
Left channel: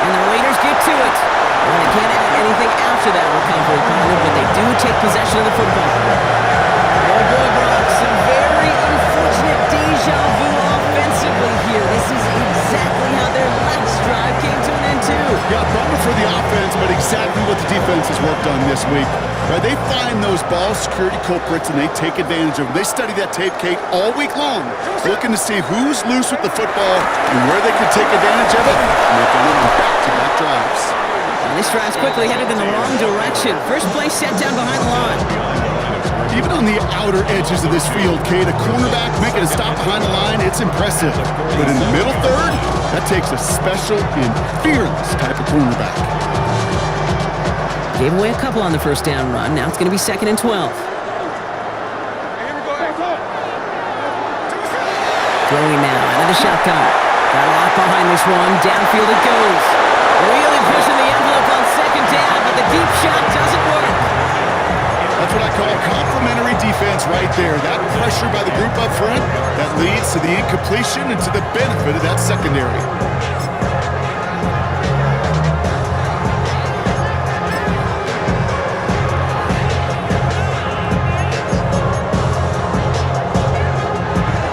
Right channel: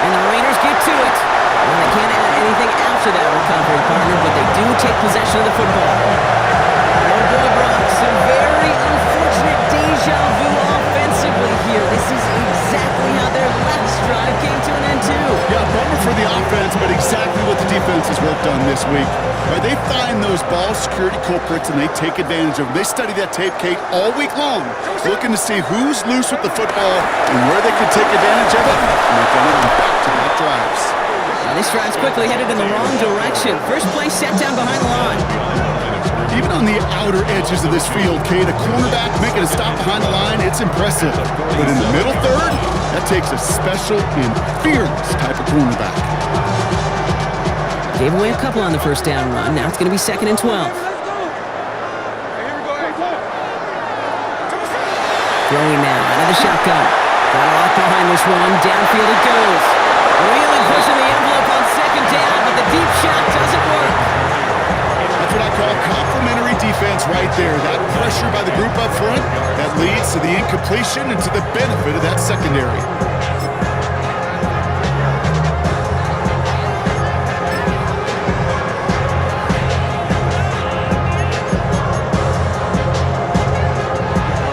And the Raiders get to it. Well, they can't add anything after that recovery, partner, but they do take possession of the football. Oh boy, Brock, some very unfortunate deja vu offensively here. This is exactly how their last drive came to an end, too. Yeah, bummer for the offense, but exactly what the defense has worked on this week. Right, they find those ball security culprits and they take advantage of them. They study that tape, Kate, all week long, looking to see who's loose with the football and where they can take advantage of it. And they've done it on back-to-back drives. Now this drive's quickly headed in the wrong direction. First play sat down behind the line. Even on the outer edges of this field, Kate, a cornerback making a stop behind the line, it's impressive. But in the middle third, that takes a special and fearless type of cornerback. Gave away a couple on the first down run. Now it's going to be 2nd and 12. Hey, here we go. Throwing now out of the shotgun. Got a lot behind this one. Downfield it goes. Really pushing the envelope on 2nd down, but the deep shot doesn't work. That's what I call complementary defense right there. That pressure by the group up front, that leads to the incompletion and to the benefit of that secondary.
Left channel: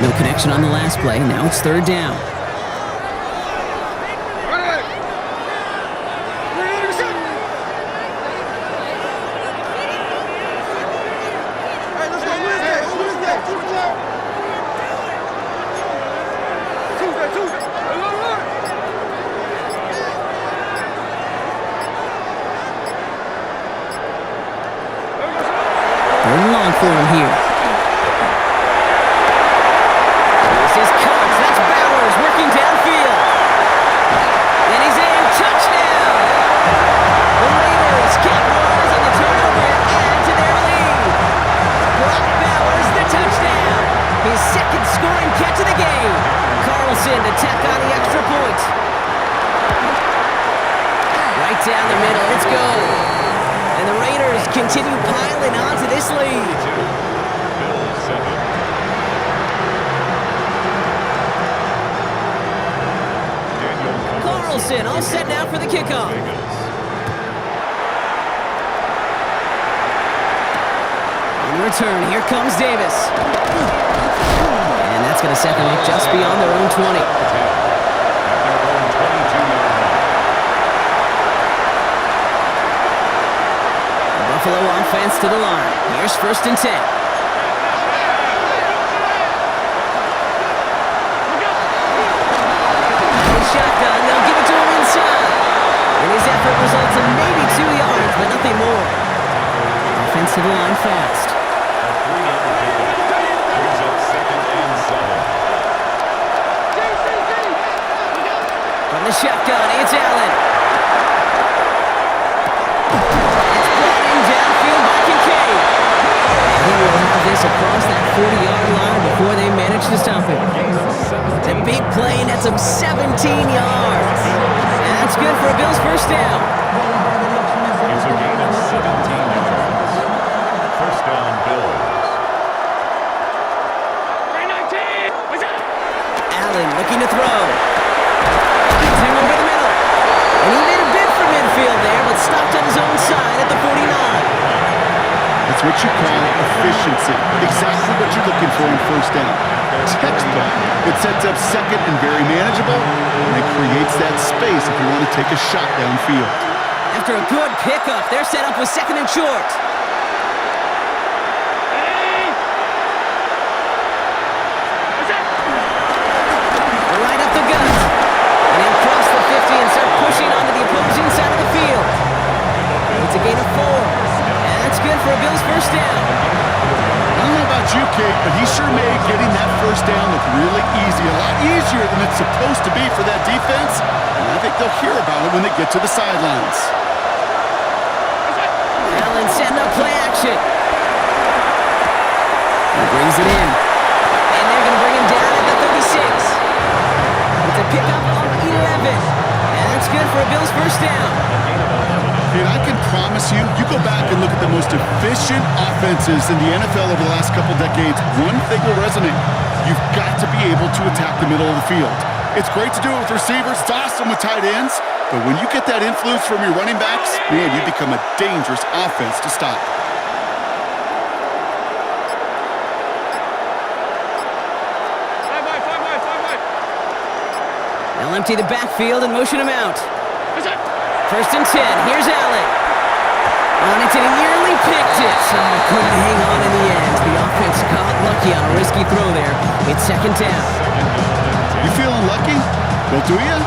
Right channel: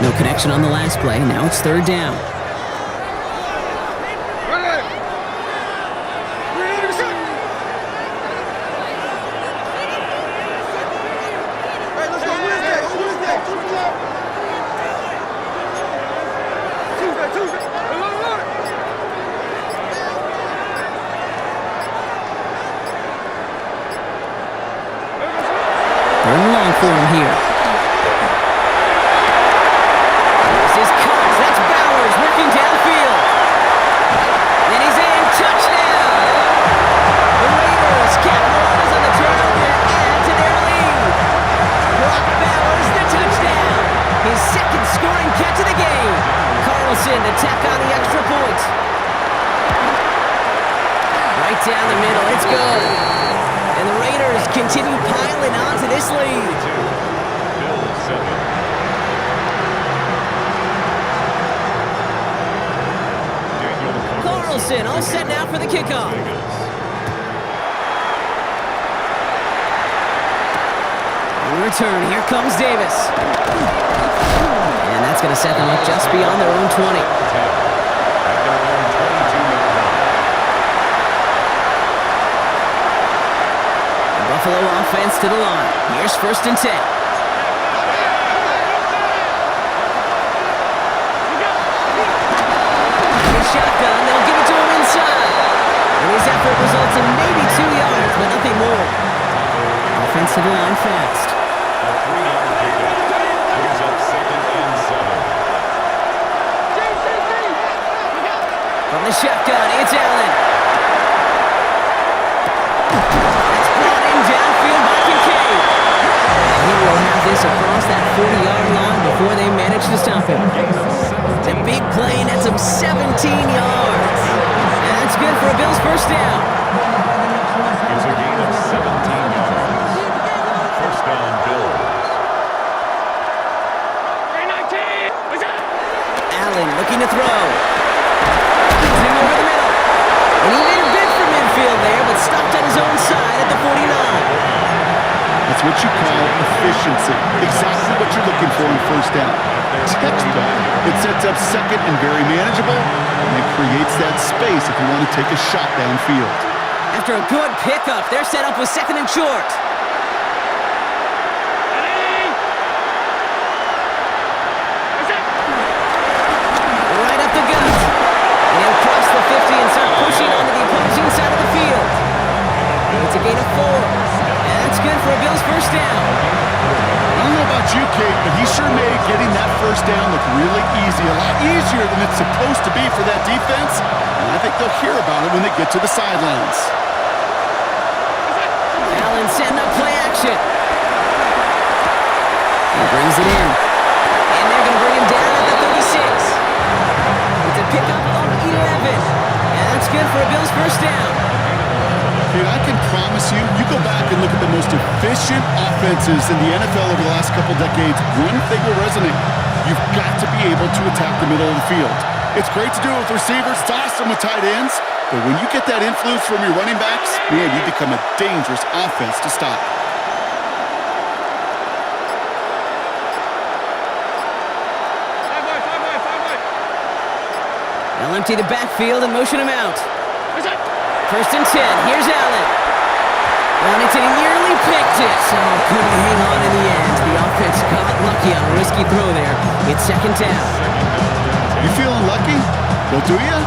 No connection on the last play. Now it's 3rd down. Tuesday. They're in long for him here. This is Cox. That's Bowers working downfield. Then he's in. Touchdown! The Raiders capitalize on the turnover and add to their lead. Brock Bowers, the touchdown. His 2nd scoring catch of the game. Carlson to tack on the extra point. Right down the middle. It's good. And the Raiders continue piling on to this lead. Bills 7. Carlson all set now for the kickoff. On return, here comes Davis. And that's going to set them up just beyond their own 20. At their own 22-yard line. The Buffalo offense to the line. Here's 1st and 10. Shotgun, they'll give it to him inside. And his effort results in maybe 2 yards, but nothing more. Offense to the line fast. A 3-yard pickup brings up 2nd and 7. From the shotgun, it's Allen. It's brought in downfield by Kincaid. And he will have this across that 40-yard line before they manage to stop him. It's a big play, and that's him 17 yards. And that's good for a Bills first down. It's a gain of 17 yards. First down, Bills. Allen looking to throw. Finds him over the middle. And he made a bid for midfield there, but stopped on his own side at the 49. That's what you call efficiency. Exactly what you're looking for on first down. Textbook. It sets up second and very manageable, and it creates that space if you want to take a shot downfield. After a good pickup, they're set up with second and short. Right up the gut. And he'll cross the 50 and start pushing onto the opposing side of the field. It's a gain of 4. And that's good for a Bills first down. I don't know about you, Kate, but he sure made getting that first down look really easy. A lot easier than it's supposed to be for that defense. And I think they'll hear about it when they get to the sidelines. Allen setting up play action. He brings it in. And they're going to bring him down at the 36. It's a pickup of 11. And that's good for a Bills first down. Dude, I can promise you, you go back and look at the most efficient offenses in the NFL over the last couple decades, one thing will resonate. You've got to be able to attack the middle of the field. It's great to do it with receivers. It's awesome with tight ends. But when you get that influence from your running backs, man, you become a dangerous offense to stop. Five wide. They'll empty the backfield and motion him out. First and 10. Here's Allen. On it, and he nearly picked it. Oh, couldn't hang on in the end. The offense got lucky on a risky throw there. It's second down. You feeling lucky? Well, do you?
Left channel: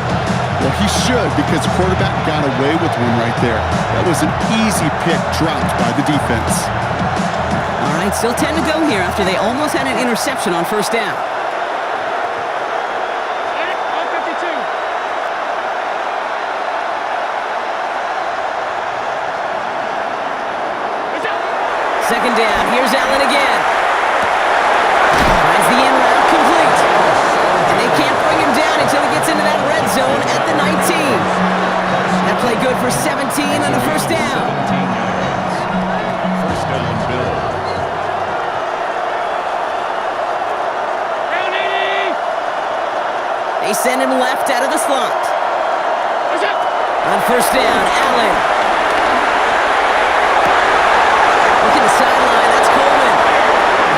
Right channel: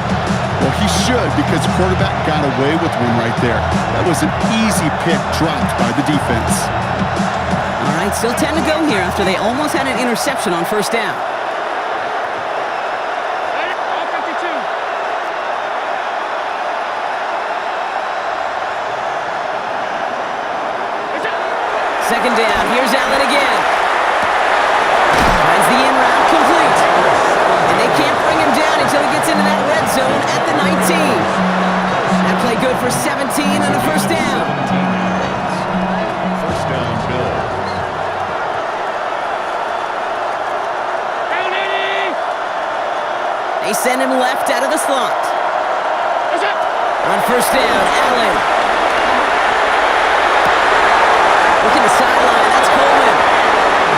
Well, he should, because the quarterback got away with one right there. That was an easy pick dropped by the defense. All right, still 10 to go here after they almost had an interception on first down. On 52. Second down. Here's Allen again. Finds the in route complete. And they can't bring him down until he gets into that red zone at the 19. That play good for 17 and a first down. 17 yards. First down, Bills. Round 80. They send him left out of the slot. On first down, Allen. Looking to sideline, that's Coleman.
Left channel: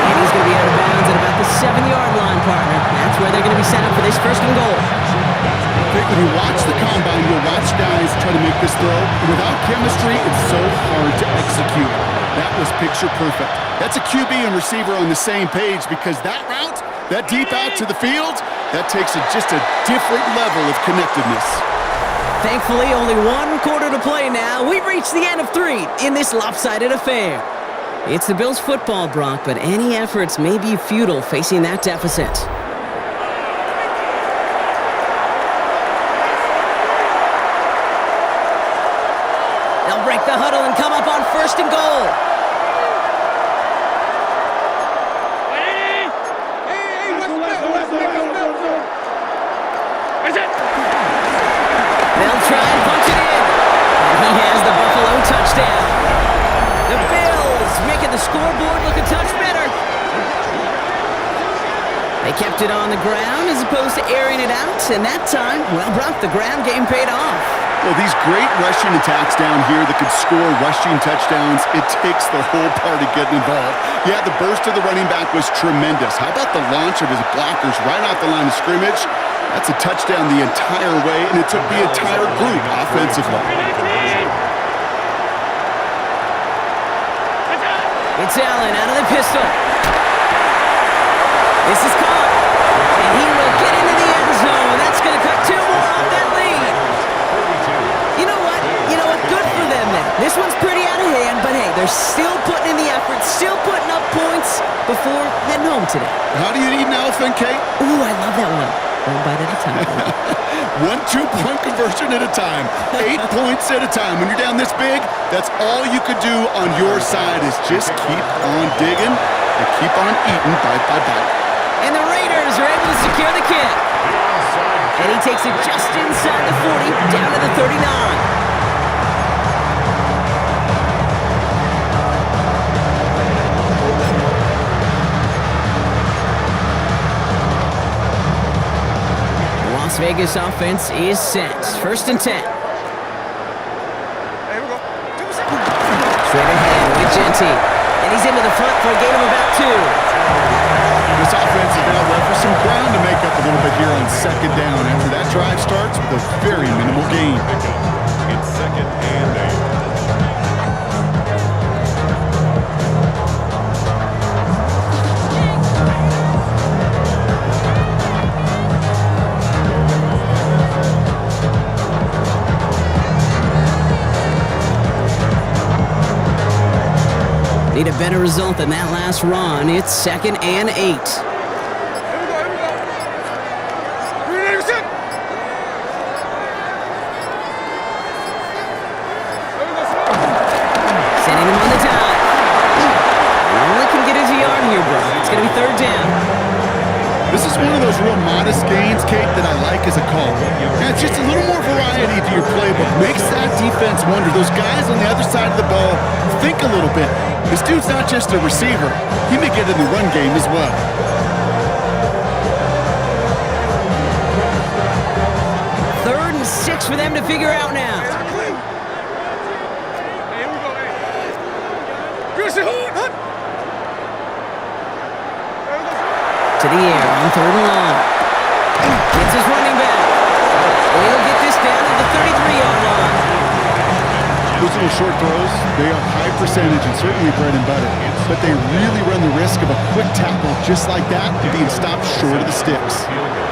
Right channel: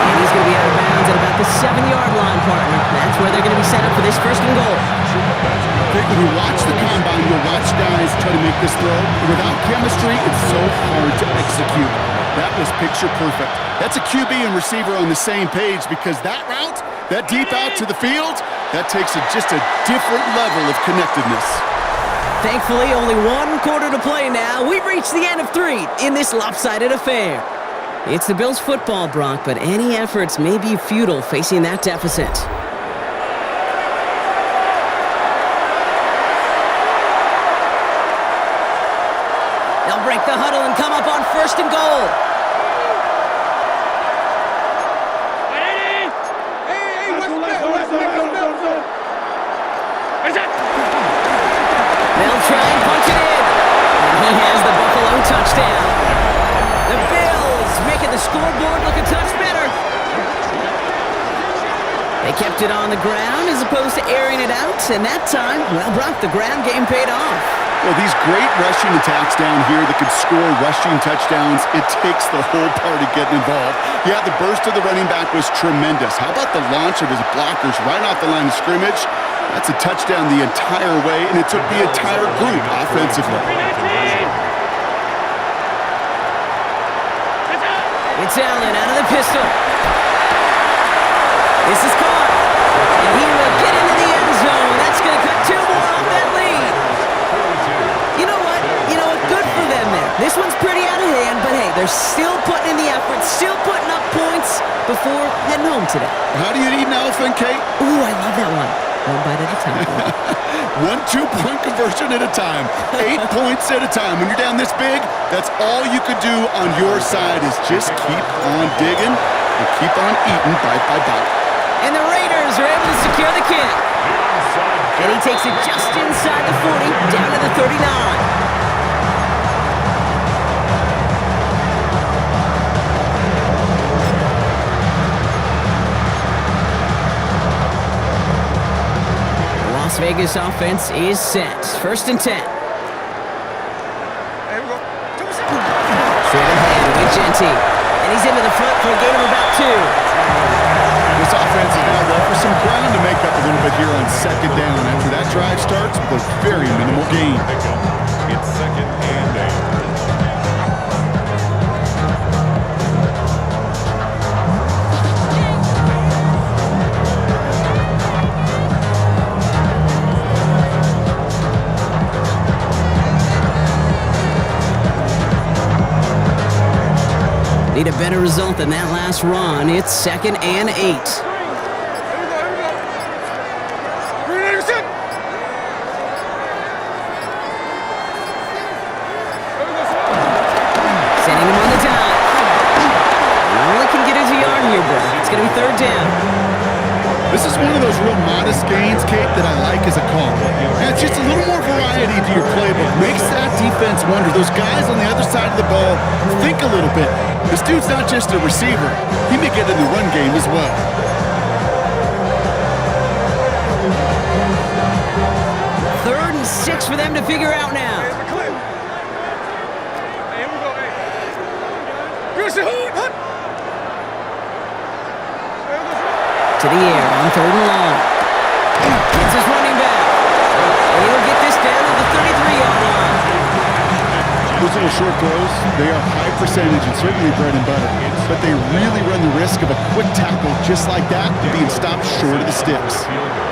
And he's going to be out of bounds at about the 7-yard line, partner. That's where they're going to be set up for this first and goal. When you watch the combine, you'll watch guys try to make this throw. Without chemistry, it's so hard to execute. That was picture perfect. That's a QB and receiver on the same page, because that route, that deep out to the field, that takes just a different level of connectedness. Thankfully, only 1 quarter to play now. We've reached the end of 3 in this lopsided affair. It's the Bills football, Brock, but any efforts may be futile facing that deficit. They'll break the huddle and come up on first and goal. They'll try and punch it in. And he has the Buffalo touchdown. The Bills making the scoreboard look a touch better. They kept it on the ground as opposed to airing it out. And that time, well, Brock, the ground game paid off. Well, these great rushing attacks down here that could score rushing touchdowns, it takes the whole party getting involved. Yeah, the burst of the running back was tremendous. How about the launch of his blockers right off the line of scrimmage? That's a touchdown the entire way, and it took the entire group offensively. It's Allen out of the pistol. This is caught. And he will get into the end zone. That's going to cut 2 more off that lead. You know what? Good for them there. This one's pretty out of hand, but hey, they're still putting in the effort, still putting up points before heading home today. How do you eat an elephant, Kate? Ooh, I love that one. 1 bite at a time. 1 2-point conversion at a time. 8 points at a time. When you're down this big, that's all you could do on your side is just keep on digging and keep on eating bite by bite. And the Raiders are able to secure the kick. And he takes it just inside the 40, down to the 39. The Las Vegas offense is set. First and 10. Here we go. 2%. Straight ahead with Genty. And he's into the front for a gain of about 2. This offense is now left with some ground to make up a little bit here on second down after that drive starts with a very minimal gain. Pickup. It's 2nd and 8. Need a better result than that last run. It's 2nd and 8. Here we go, here we go. Green 80%. Here we go, slow. Sending him on the dive. And only can get us a yard here, bro. It's going to be 3rd down. This is one of those real modest gains, Kate, that I like as a call. Yeah, it's just a little more variety to your playbook. Makes that defense wonder. Those guys on the other side of the ball think a little bit. This dude's not just a receiver. He may get in the run game as well. Third and 6 for them to figure out now. Hey, clear. Hey, here we go, hey. What's going on, guys? Christian, hut. Here we go, slow. To the air on 3rd and long. It's his running back. And he'll get this down to the 33-yard line. Those little short throws, they are high percentage and certainly bread and butter. But they really run the risk of a quick tackle just like that and being stopped short of the sticks. Field goal.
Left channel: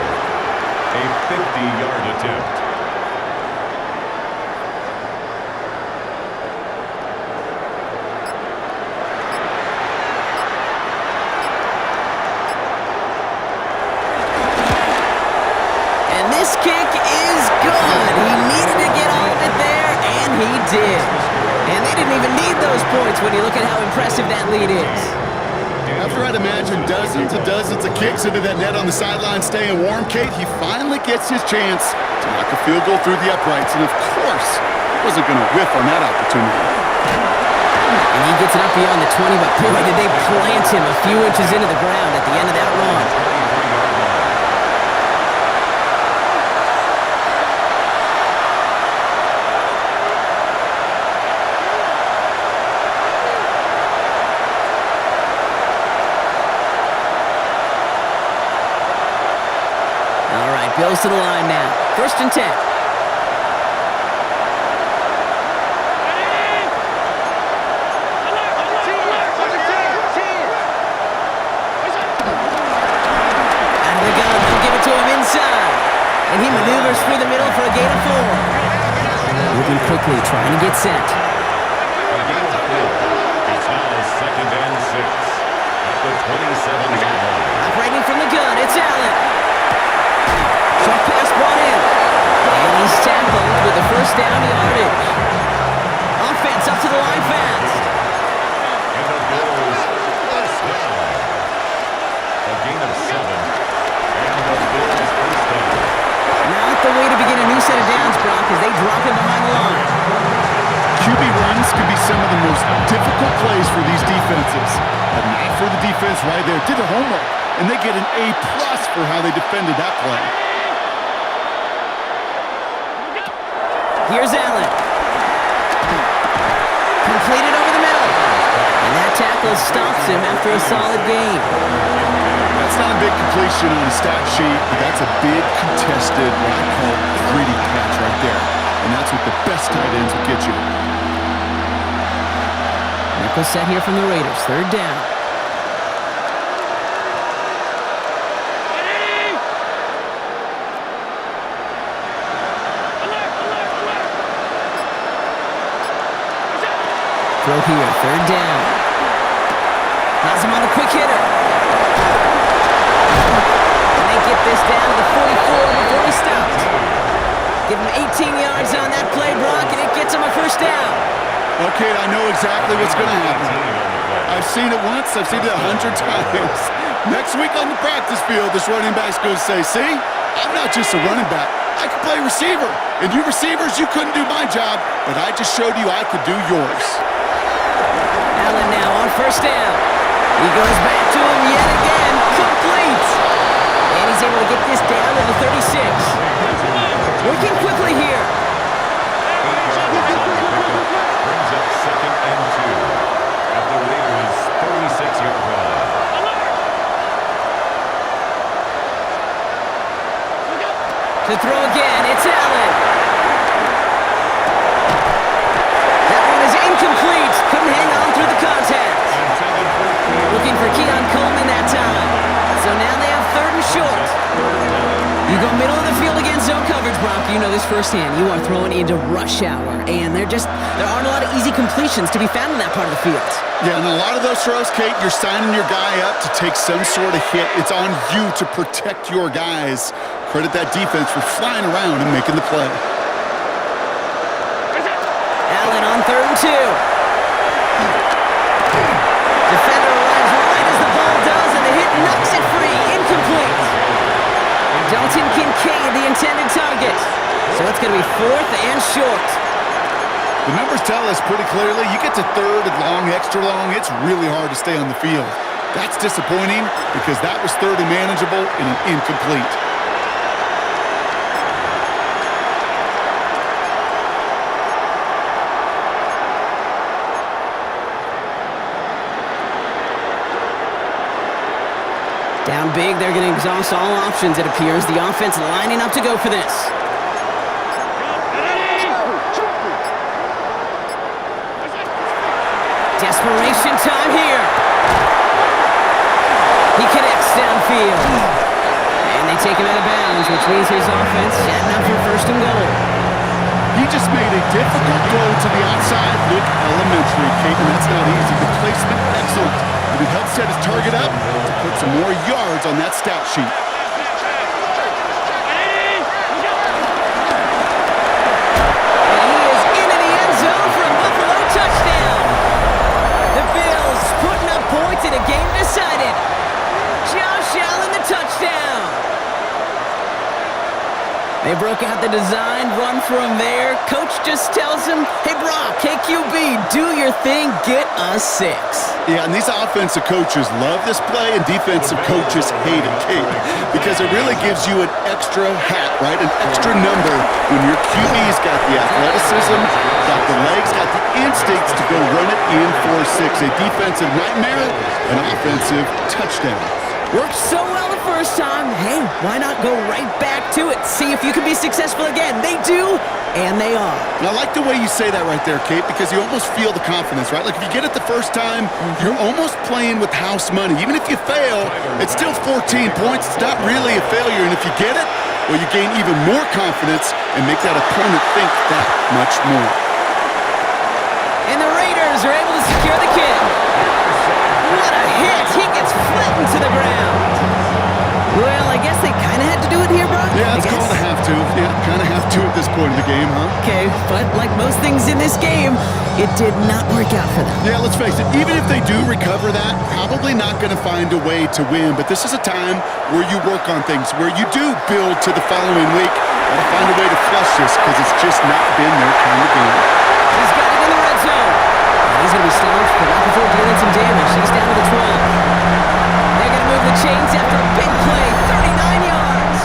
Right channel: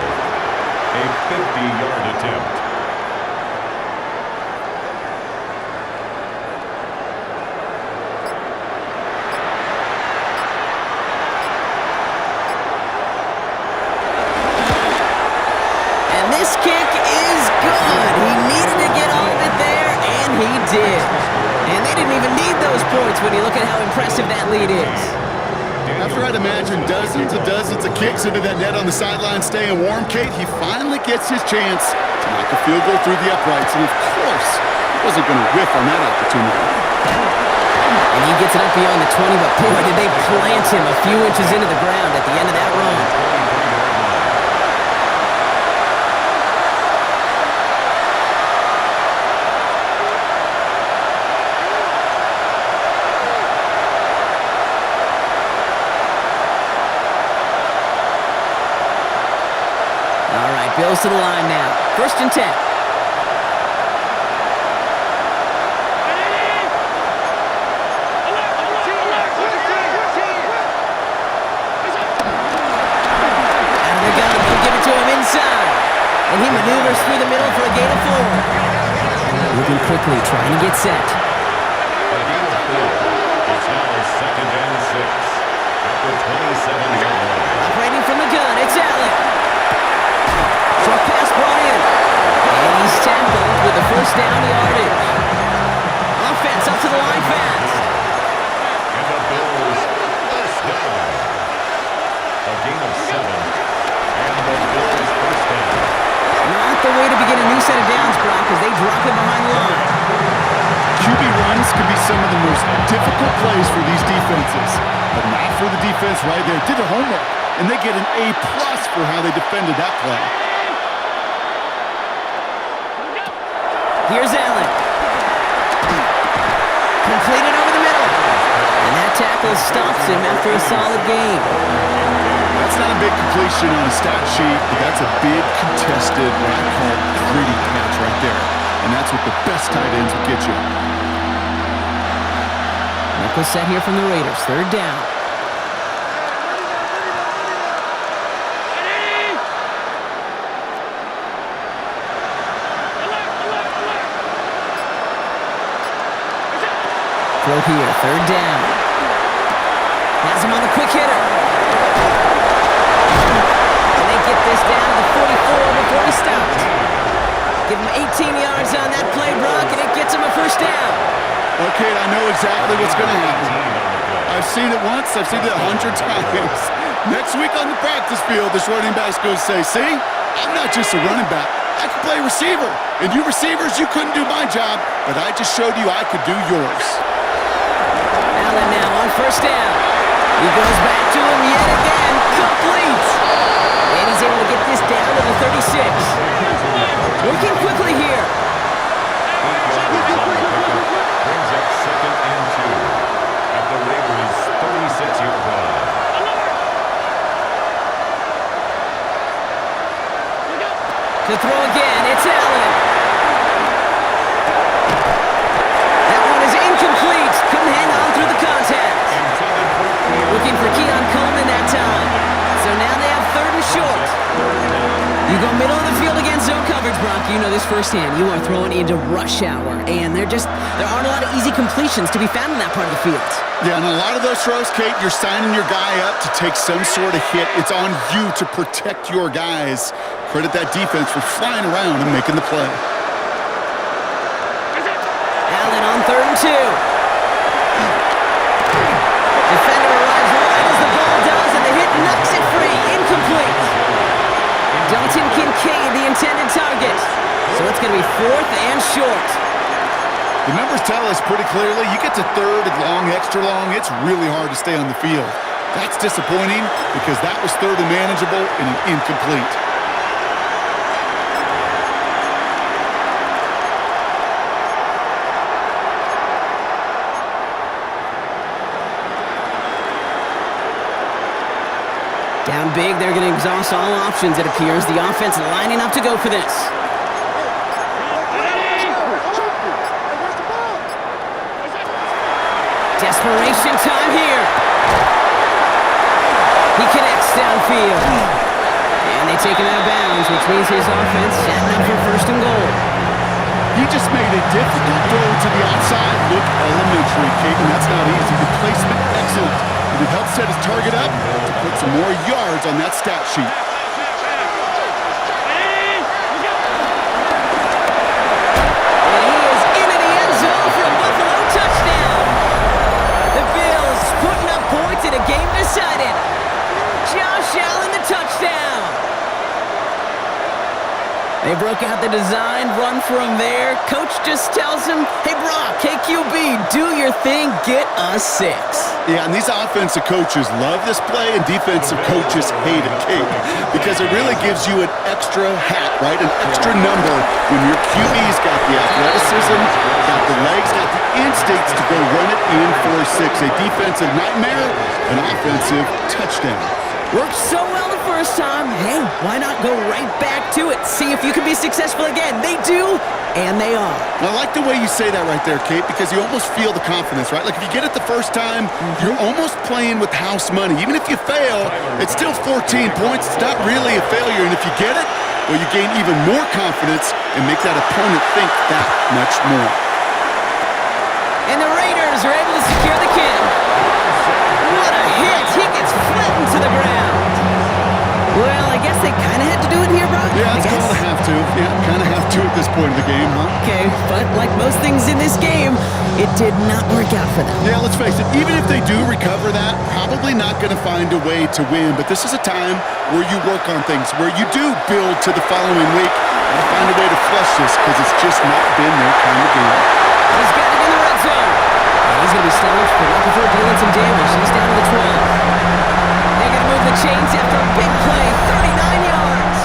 A 50-yard attempt. And this kick is good. He needed to get all of it there, and he did. And they didn't even need those points when you look at how impressive that lead is. After I'd imagine dozens and dozens of kicks into that net on the sideline staying warm, Kate, he finally gets his chance to knock a field goal through the uprights. And of course, he wasn't going to whiff on that opportunity. And he gets it up beyond the 20, but boy, did they plant him a few inches into the ground at the end of that run. 23-yard line. All right, Bills to the line now. 1st and 10. Out of the gun, they'll give it to him inside. And he maneuvers through the middle for a gain of 4. Moving quickly, trying to get set. A gain of 4. It's now 2nd and 6 at the 27-yard line. Operating from the gun, it's Allen. Short pass brought in. And he's tackled with the 1st down yardage. Offense up to the line fast. And the Bills 1st down. A gain of 7. And the Bills 1st down. Not the way to begin a new set of downs, Brock, as they drop him behind the line. QB runs can be some of the most difficult plays for these defenses, but not for the defense right there. Did their homework, and they get an A+ for how they defended that play. Here's Allen. Completed over the middle. And that tackle stops him after a solid gain. That's not a big completion on a stat sheet, but that's a big contested, what I call gritty catch right there. And that's what the best tight ends will get you. Nickel set here from the Raiders. 3rd down. Throw here, 3rd down. Has him on the quick hitter. And they get this down to the 44 before he stopped. Give him 18 yards on that play, Brock, and it gets him a 1st down. Okay, I know exactly what's going to happen. I've seen it once, I've seen it 100 times. Next week on the practice field, this running back's going to say, see, I'm not just a running back. I can play receiver. And you receivers, you couldn't do my job, but I just showed you I could do yours. Allen now on 1st down. He goes back to him yet again, complete. And he's able to get this down to the 36. Working quickly here. 8 yards on the pickup. Brings up 2nd and 2 at the Raiders' 36-yard line. To throw again, it's Allen. That one is incomplete. Couldn't hang on through the contact. Intended for Keon. Looking for Keon Coleman that time. So now they have 3rd and short. Third down. You go middle of the field against zone coverage, Brock. You know this firsthand. You are throwing into rush hour, and there aren't a lot of easy completions to be found in that part of the field. Yeah, and a lot of those throws, Kate, you're signing your guy up to take some sort of hit. It's on you to protect your guys. Credit that defense for flying around and making the play. Allen on 3rd and 2. Defender arrives right as the ball does, and the hit knocks it free. Incomplete. Dalton Kincaid, the intended target. So it's going to be 4th and short. The numbers tell us pretty clearly, you get to 3rd and long, extra long, it's really hard to stay on the field. That's disappointing because that was 3rd and manageable and an incomplete. Down big, they're going to exhaust all options, it appears. The offense lining up to go for this. Desperation time here. He connects downfield. And they take him out of bounds, which means his offense setting up for 1st and goal. He just made a difficult throw to the outside look elementary, Kate, and that's not easy. The placement, excellent. And it helps set his target up to put some more yards on that stat sheet. And he is into the end zone for a Buffalo touchdown. The Bills putting up points in a game decided. Josh Allen, the touchdown. They broke out the design, run for him there. Coach just tells him, hey, Brock, KQB, do your thing, get us 6. Yeah, and these offensive coaches love this play, and defensive coaches hate it, Kate, because it really gives you an extra hat, right? An extra number when your QB's got the athleticism, got the legs, got the instincts to go run it in for 6. A defensive nightmare, an offensive touchdown. Worked so well the first time. Hey, why not go right back to it? See if you can be successful again. They do, and they are. And I like the way you say that right there, Kate, because you almost feel the confidence, right? Like if you get it the first time, you're almost playing with house money. Even if you fail, it's still 14 points. It's not really a failure. And if you get it, well, you gain even more confidence and make that opponent think that much more. And the Raiders are able to secure the kick. What a hit! He gets flattened to the ground. Well, I guess they kind of had to do it here, Brock. Yeah, it's called a have to. Yeah, kind of have to at this point of the game, huh? Okay, but like most things in this game, it did not work out for them. Yeah, let's face it, even if they do recover that, probably not going to find a way to win. But this is a time where you work on things, where you do build to the following week. Got to find a way to flush this because it's just not been their kind of game. He's got it in the red zone. And he's going to be stopped, but not before dealing some damage. He's down to the 12. They're going to move the chains after a big play, 39 yards.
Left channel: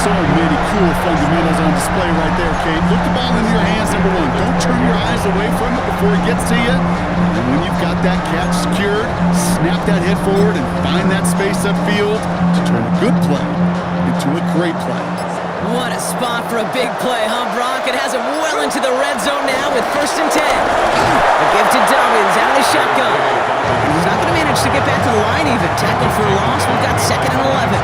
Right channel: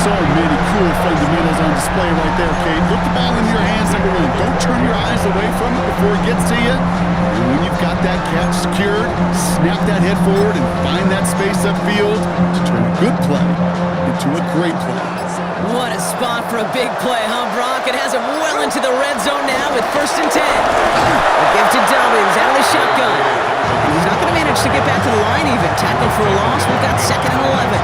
So many cool fundamentals on display right there, Kate. Look the ball into your hands, number one. Don't turn your eyes away from it before it gets to you. And when you've got that catch secured, snap that head forward and find that space upfield to turn a good play into a great play. What a spot for a big play, huh, Brock? It has him well into the red zone now with 1st and 10. A give to Dobbins out of the shotgun. And he's not going to manage to get back to the line even. Tackled for a loss. We've got 2nd and 11.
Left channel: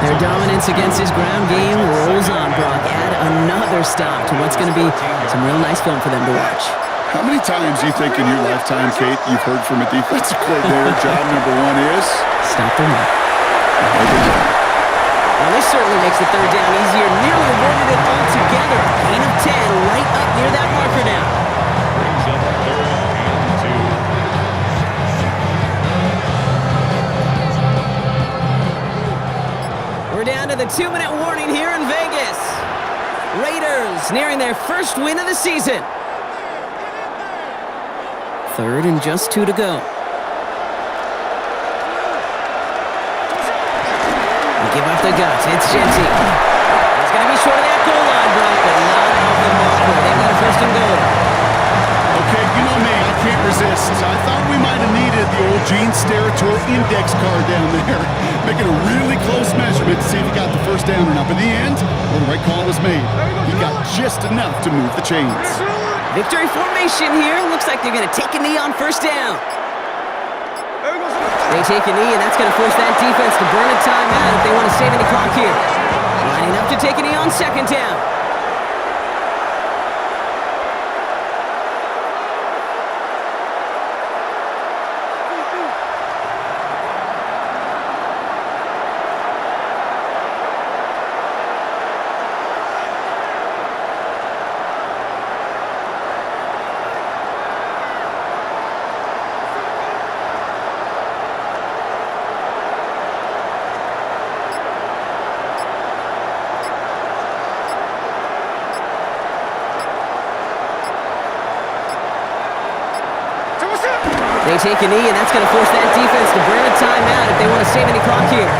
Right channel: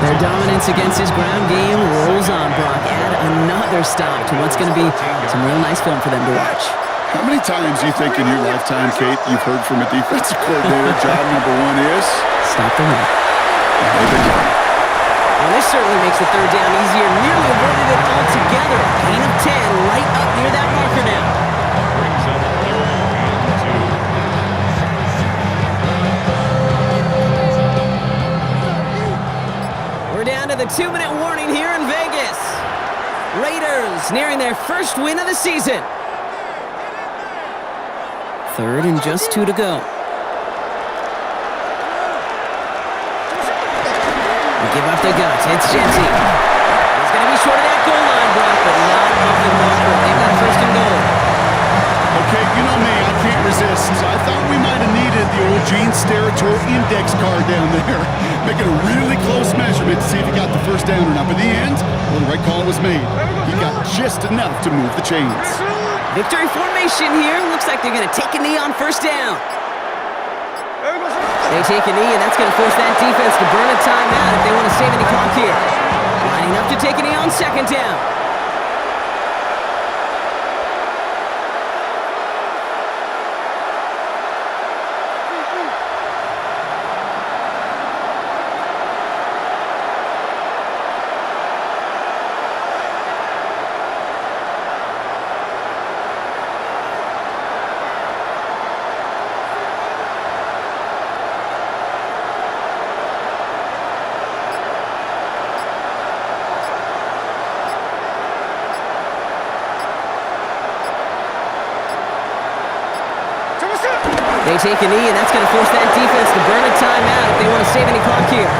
Their dominance against his ground game rolls on, Brock. Add another stop to what's going to be some real nice film for them to watch. How many times do you think in your lifetime, Kate, you've heard from a defensive coordinator, job number one is? Stop the run. They've been doing it. Well, this certainly makes the 3rd down easier. Nearly avoided it altogether. Gain of 10 right up near that marker now. Brings up 3rd and 2. We're down to the 2-minute warning here in Vegas. Raiders nearing their first win of the season. 3rd and just 2 to go. Give up the guts. It's Genty. He's going to be short of that goal line, Brock, but not of the marker. They've got a 1st and goal. Okay, you know me, I can't resist. I thought we might have needed the old Gene Steratore index card down there. Making a really close measurement to see if he got the first down or not. But in the end, well, the right call was made. He got just enough to move the chains. Victory formation here. Looks like they're going to take a knee on first down. They take a knee, and that's going to force that defense to burn a timeout if they want to save any clock here. Lining up to take a knee on second down. They take a knee, and that's going to force that defense to burn a timeout if they want to save any clock here.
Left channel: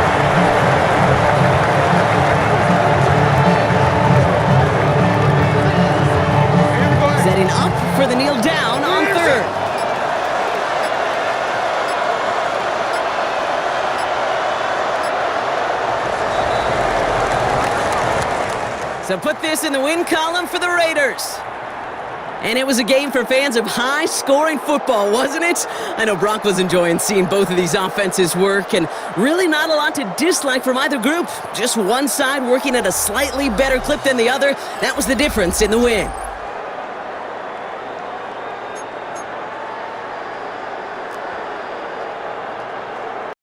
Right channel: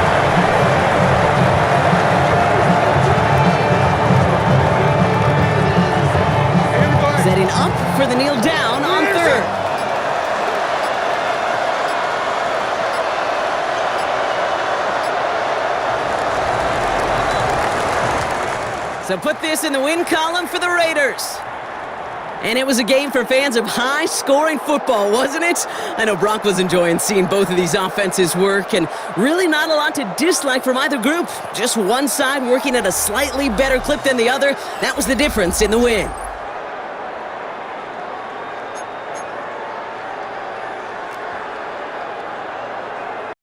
Setting up for the kneel down on third. So put this in the win column for the Raiders. And it was a game for fans of high-scoring football, wasn't it? I know Brock was enjoying seeing both of these offenses work, and really not a lot to dislike from either group. Just one side working at a slightly better clip than the other. That was the difference in the win.